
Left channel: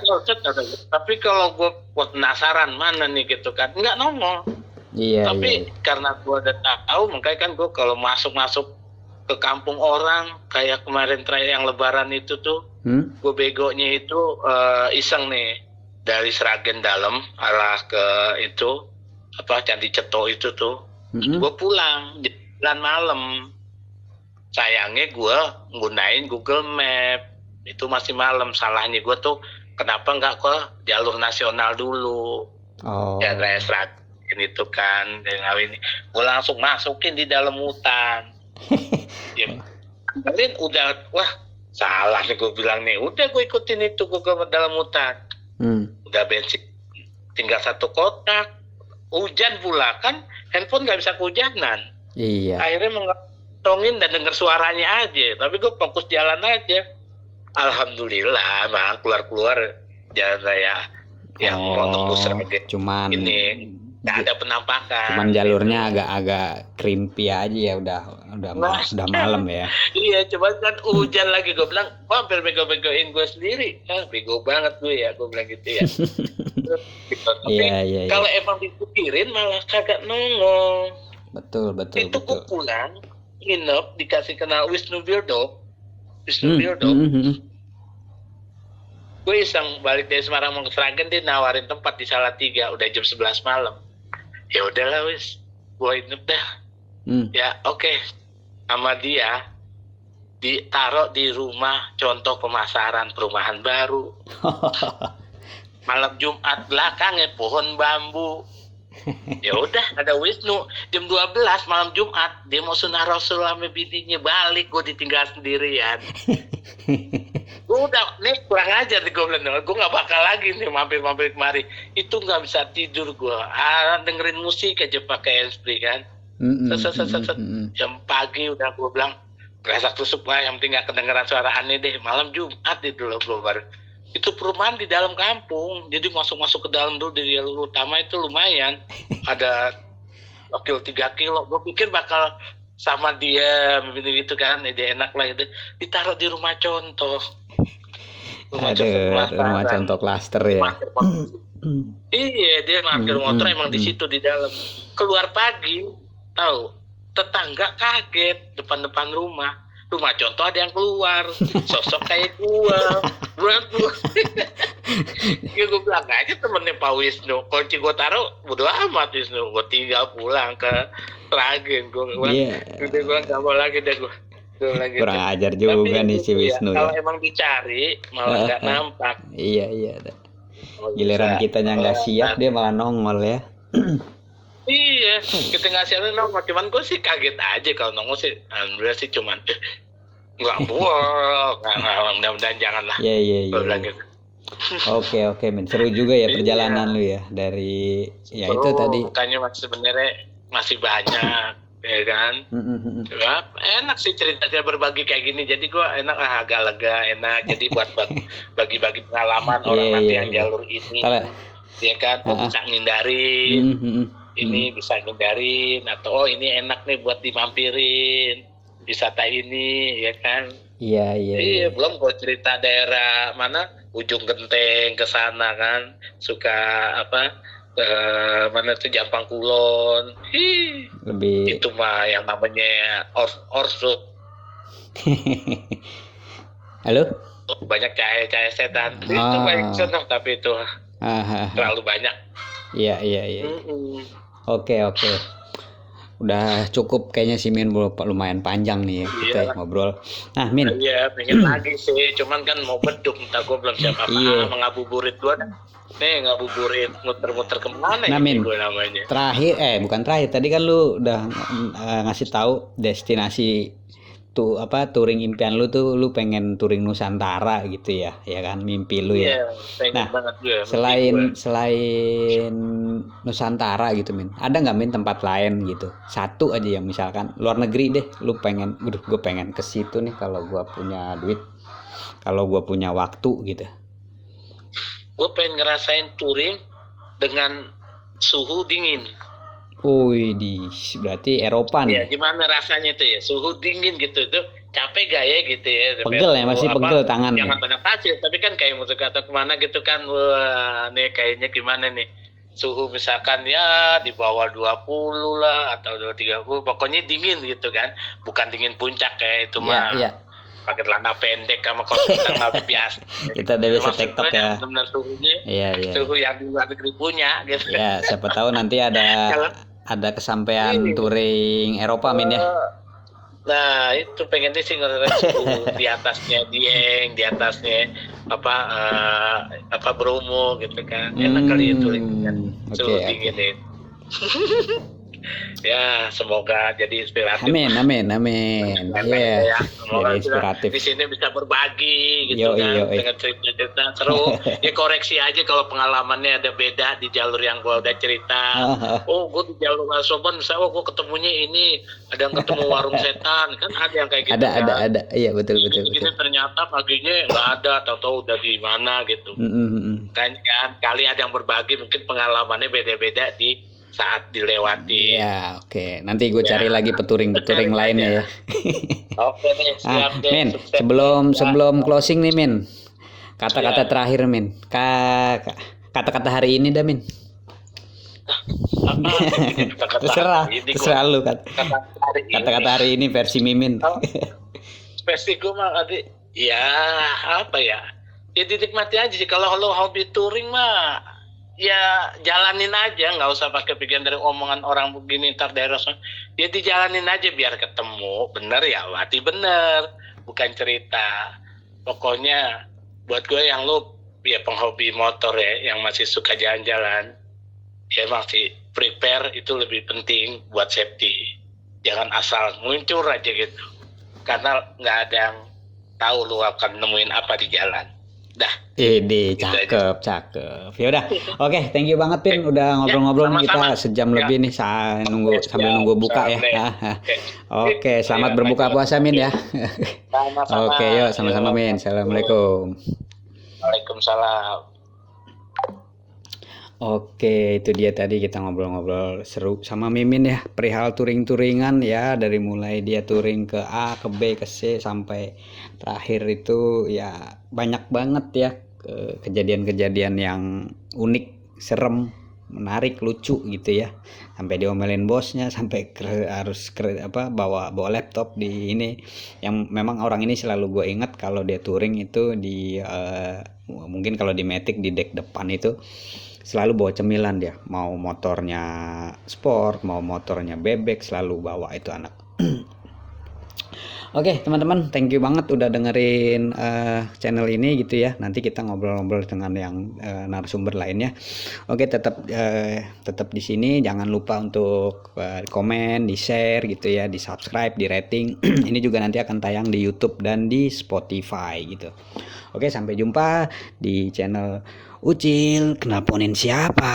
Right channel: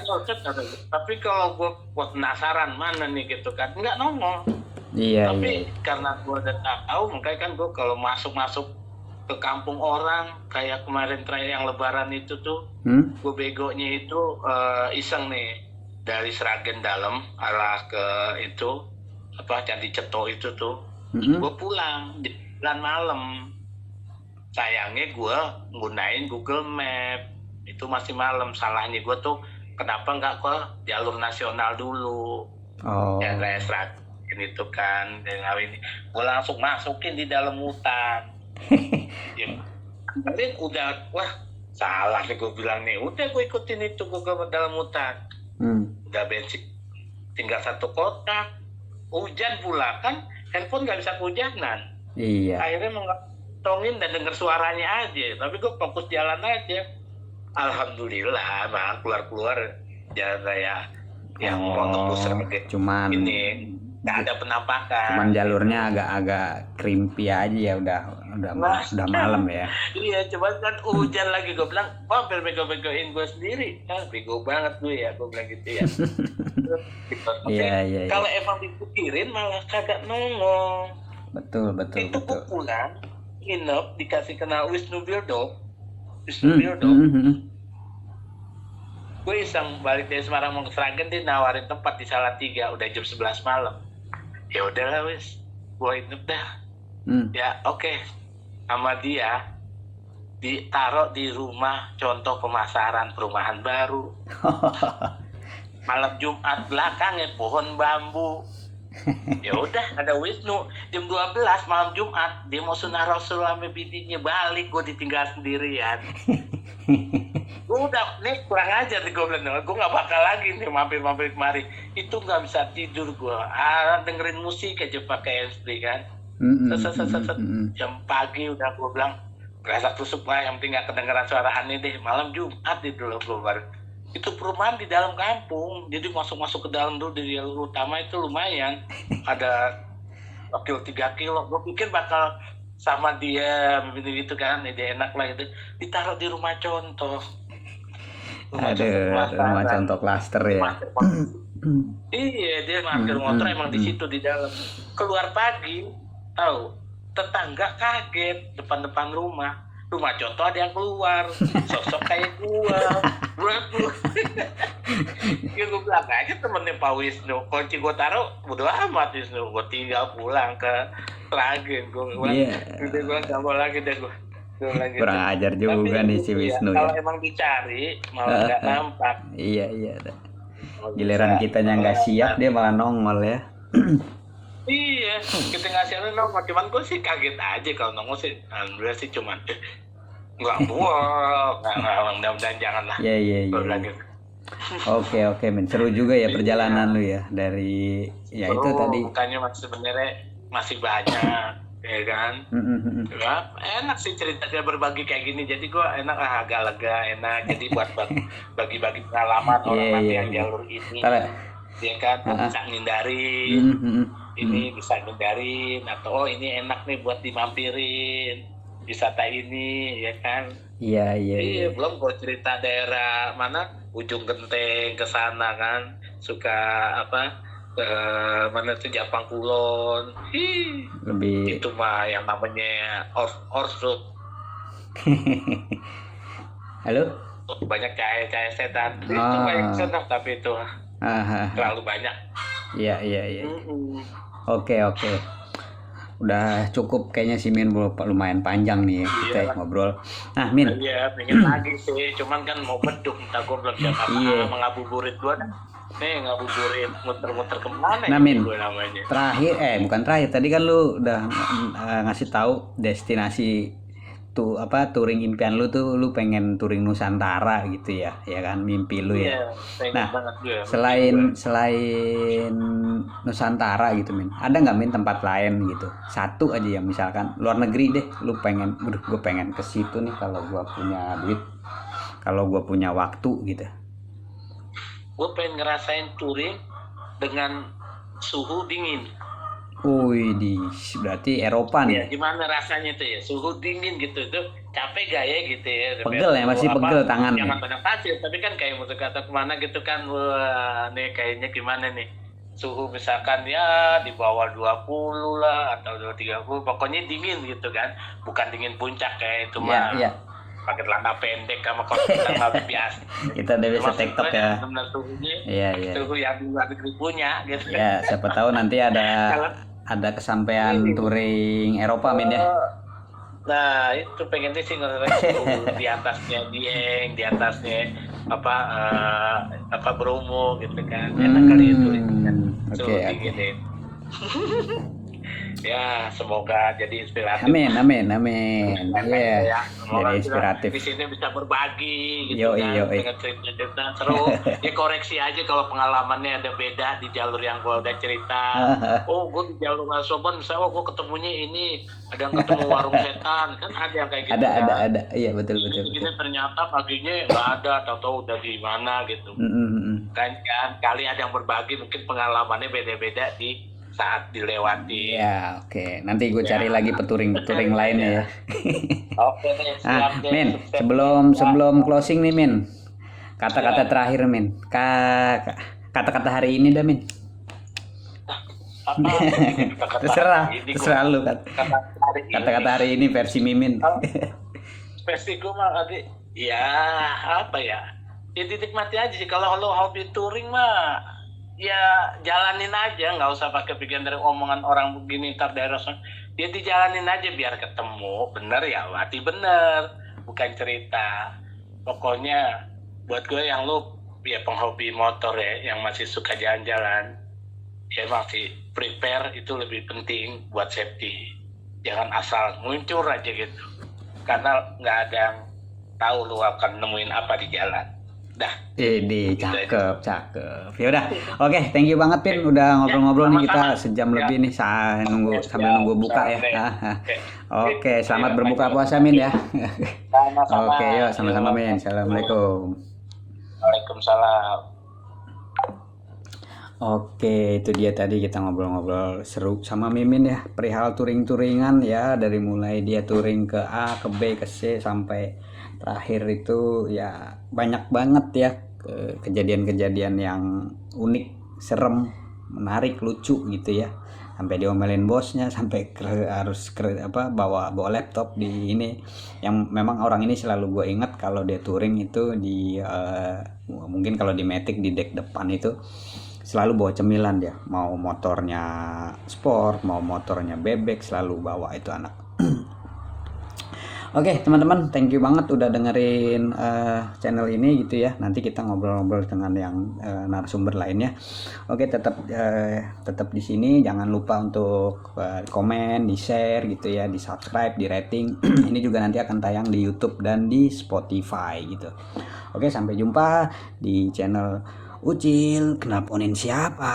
Tapi kalau gue penasaran mana nih gitu kan, nggak nongol. Iya. Tapi karena gue udah tahu, makanya kan gue kalau masuk ke kampung orang kayak kemarin terakhir yang Lebaran itu tuh, gue begonya itu iseng nih dari Sragen Dalam arah ke itu Candi Ceto itu tuh. Gue pulang jalan malam. Sayangnya gue nggunain Google Map, itu masih malam. Salahnya gue tuh kenapa nggak ke jalur nasional dulu, ya kayak Sragen itu kan. Dan ini gue langsung masukin di dalam hutan. Ya, kemarin udah salah nih gue bilang nih. Udah gue ikutin itu gue ke dalam hutan. Udah bensin tinggal 1 kotak. Hujan pula kan, handphone nggak bisa kehujanan. Iya. Akhirnya mengantongin dan denger suaranya aja. Tapi gue fokus jalan aja. Alhamdulillah, keluar jalan raya yang mau nembus Sragen. Cuman ini nggak ada penampakan. Cuman jalurnya agak krimpi aja ya, udah malam ya. Iya, cuman kan hujan lagi. Gue bilang, hampir bego-begoin gue sendiri. Bego banget gue ya, gue bilang gitu ya. Tapi Iya. kalau emang dipikirin malah kagak nongol. Betul. Itu gue pulang, nginep, dikasih kenal Wisnu Birdo. Gue iseng balik dari Semarang mau ke Sragen, dia nawarin tempat di Salatiga, udah jam 11 malam. Ya udahlah wis, gue nginep dah. Ya oke. Sama dia ditaruh di rumah contoh pemasaran perumahan baru. Malam Jumat belakangnya pohon bambu. Ya udah, ada Wisnu jam 12 malam Jumat, dia mau sunah Rasul sama bininya, balik gue ditinggal sendirian. Gue udah nih kurang ajar nih, gue bilang gue nggak bakal lagi nih mampir kemari. Itu nggak bisa tidur gue, dengerin musik aja pakai handsfree kan. Jam pagi udah gue bilang rasa tusuk lah, yang penting nggak kedengeran suara aneh deh. Malam Jumat itu loh bro, baru itu perumahan di dalam kampung, jadi masuk ke dalam dulu dari jalur utama itu lumayan, ada wakil 3 kilo. Gue pikir bakal sama dia gitu kan, dia enak lah gitu. Ditaruh di rumah contoh. Rumah contoh klaster ya. Iya, dia parkir motor emang di situ di dalam. Keluar pagi, tahu tetangga kaget depan rumah contoh ada yang keluar, sosok kayak gua. Ya gue bilang aja temennya Pak Wisnu, kunci gue taruh bodo amat Wisnu, gue tinggal pulang ke Sragen. Gue nggak mau lagi deh gue. Kurang ajar juga nih si Wisnu ya. Kalau ya. emang dicari malah nggak nampak. Iya. Giliran kitanya nggak siap dia malah nongol ya. Iya, kita nggak siap nongol. Cuman gue sih kaget aja kalau nongol sih. Alhamdulillah sih cuman nggak mudah-mudahan jangan lah. Iya. Oke, men. Seru juga ya perjalanan lu ya dari ya itu tadi. Makanya sebenarnya masih banyak ya kan. Ya, enak sih ceritanya berbagi kayak gini. Jadi gue agak lega, enak. Jadi buat bagi-bagi pengalaman orang nanti yang jalur ini. Ya kan, bisa ngindarin. Ini bisa ngindarin, atau ini enak nih buat dimampirin wisata ini, ya kan. Iya. Belum gue cerita daerah mana ujung genteng ke sana kan, suka apa mana tuh Jampang Kulon. Lebih Itu mah yang namanya Orso. halo. Banyak cahaya setan. Itu Oh. banyak senang tapi itu terlalu banyak. Iya. Oke. Udah cukup kayaknya sih Min, lumayan panjang nih ya kita ngobrol. Nah Min. Iya, pengen lagi sih, cuman kan mau beduk, entah gue belum siap apa, mengabuburit gue nih, ngabuburit muter-muter kemana nah, Min, gue namanya. Terakhir, bukan terakhir, tadi kan lu udah ngasih tahu destinasi tuh apa touring impian lu tuh, lu pengen touring Nusantara gitu ya kan, mimpi lu ya. Nah, selain Nusantara gitu Min, ada nggak Min tempat lain gitu, satu aja yang misalkan luar negeri deh, lu pengen, gue pengen ke situ nih kalau gue punya duit, kalau gue punya waktu gitu. Gue pengen ngerasain touring dengan suhu dingin. Berarti Eropa nih. Ya, gimana rasanya itu ya, suhu dingin gitu, itu capek gak ya gitu ya. Pegel ya, masih pegel tangan. Jangan banyak pasir, tapi kan kayak musuh kata kemana gitu kan, wah nih kayaknya gimana nih. Suhu misalkan ya di bawah 20 lah atau 30, pokoknya dingin gitu kan. Bukan dingin puncak kayak itu mah. Iya. Pakai celana pendek sama kaos kita nggak biasa. Kita udah bisa TikTok ya. Benar suhunya. Iya. Suhu yang luar negeri punya gitu. Ya, siapa tahu nanti ada kesampaian touring Eropa Min ya. Nah itu pengen sih ngerasain suhu di atasnya Dieng, di atasnya apa Bromo gitu kan. Enak kali itu. Suhu dingin itu. Ya, semoga jadi inspiratif. Amin. Ya, jadi inspiratif. Di sini bisa berbagi gitu kan, dengan cerita-cerita seru. Ya koreksi aja kalau pengalamannya ada beda di jalur yang gua udah cerita. Oh, gua di jalur Soban misalnya, gua ketemunya ini, ada yang ketemu warung setan, kan ada yang kayak gitu. Ada. Iya, betul. Ini ternyata paginya nggak ada, tahu-tahu udah di mana gitu. Kan kali ada yang berbagi, mungkin pengalamannya beda-beda di saat dilewati. Ya, oke. Nanti gue cari lagi peturing lainnya ya. Oke nih, siap deh. Min, sebelum closing nih Min, kata-kata terakhir Min, kata-kata hari ini dah Min. Terserah lu kan. Kata-kata hari ini versi Mimin. Versi gue mah tadi, ya apa ya? Ya dinikmati aja sih. Kalau lo hobi touring mah, ya jalanin aja, nggak usah pakai pikiran dari omongan orang begini ntar daerah. Ya dijalanin aja biar ketemu, bener ya, hati bener, bukan cerita. Pokoknya buat gue yang lu ya penghobi motor ya, yang masih suka jalan-jalan, ya masih prepare itu lebih penting buat safety. Jangan asal muncul aja gitu, karena nggak ada yang tahu lu akan nemuin apa di jalan. Dah. Cakep. Ya udah. Oke, thank you banget Pin, udah ngobrol-ngobrol nih kita sejam lebih nih sambil nunggu buka ya. Oke, selamat berbuka puasa Min ya. Oke, yuk sama-sama Min. Assalamualaikum. Waalaikumsalam. Oke, itu dia tadi kita ngobrol-ngobrol seru sama Mimin ya, perihal touring-touringan ya, dari mulai dia touring ke A, ke B, ke C sampai terakhir itu ya banyak banget ya kejadian-kejadian yang unik, serem, menarik, lucu gitu ya. Sampai diomelin bosnya, sampai harus bawa laptop di ini. Yang memang orang ini selalu gue ingat kalau dia touring itu di mungkin kalau di Matic di deck depan itu selalu bawa cemilan dia, mau motornya sport, mau motornya bebek, selalu bawa itu anak. Oke teman-teman, thank you banget udah dengerin channel ini gitu ya. Nanti kita ngobrol-ngobrol dengan yang narasumber lainnya. Oke, tetap di sini, jangan lupa untuk komen, di share gitu ya, di subscribe, di rating. Ini juga nanti akan tayang di YouTube dan di Spotify gitu. Oke, sampai jumpa di channel Ucil, kenaponin siapa?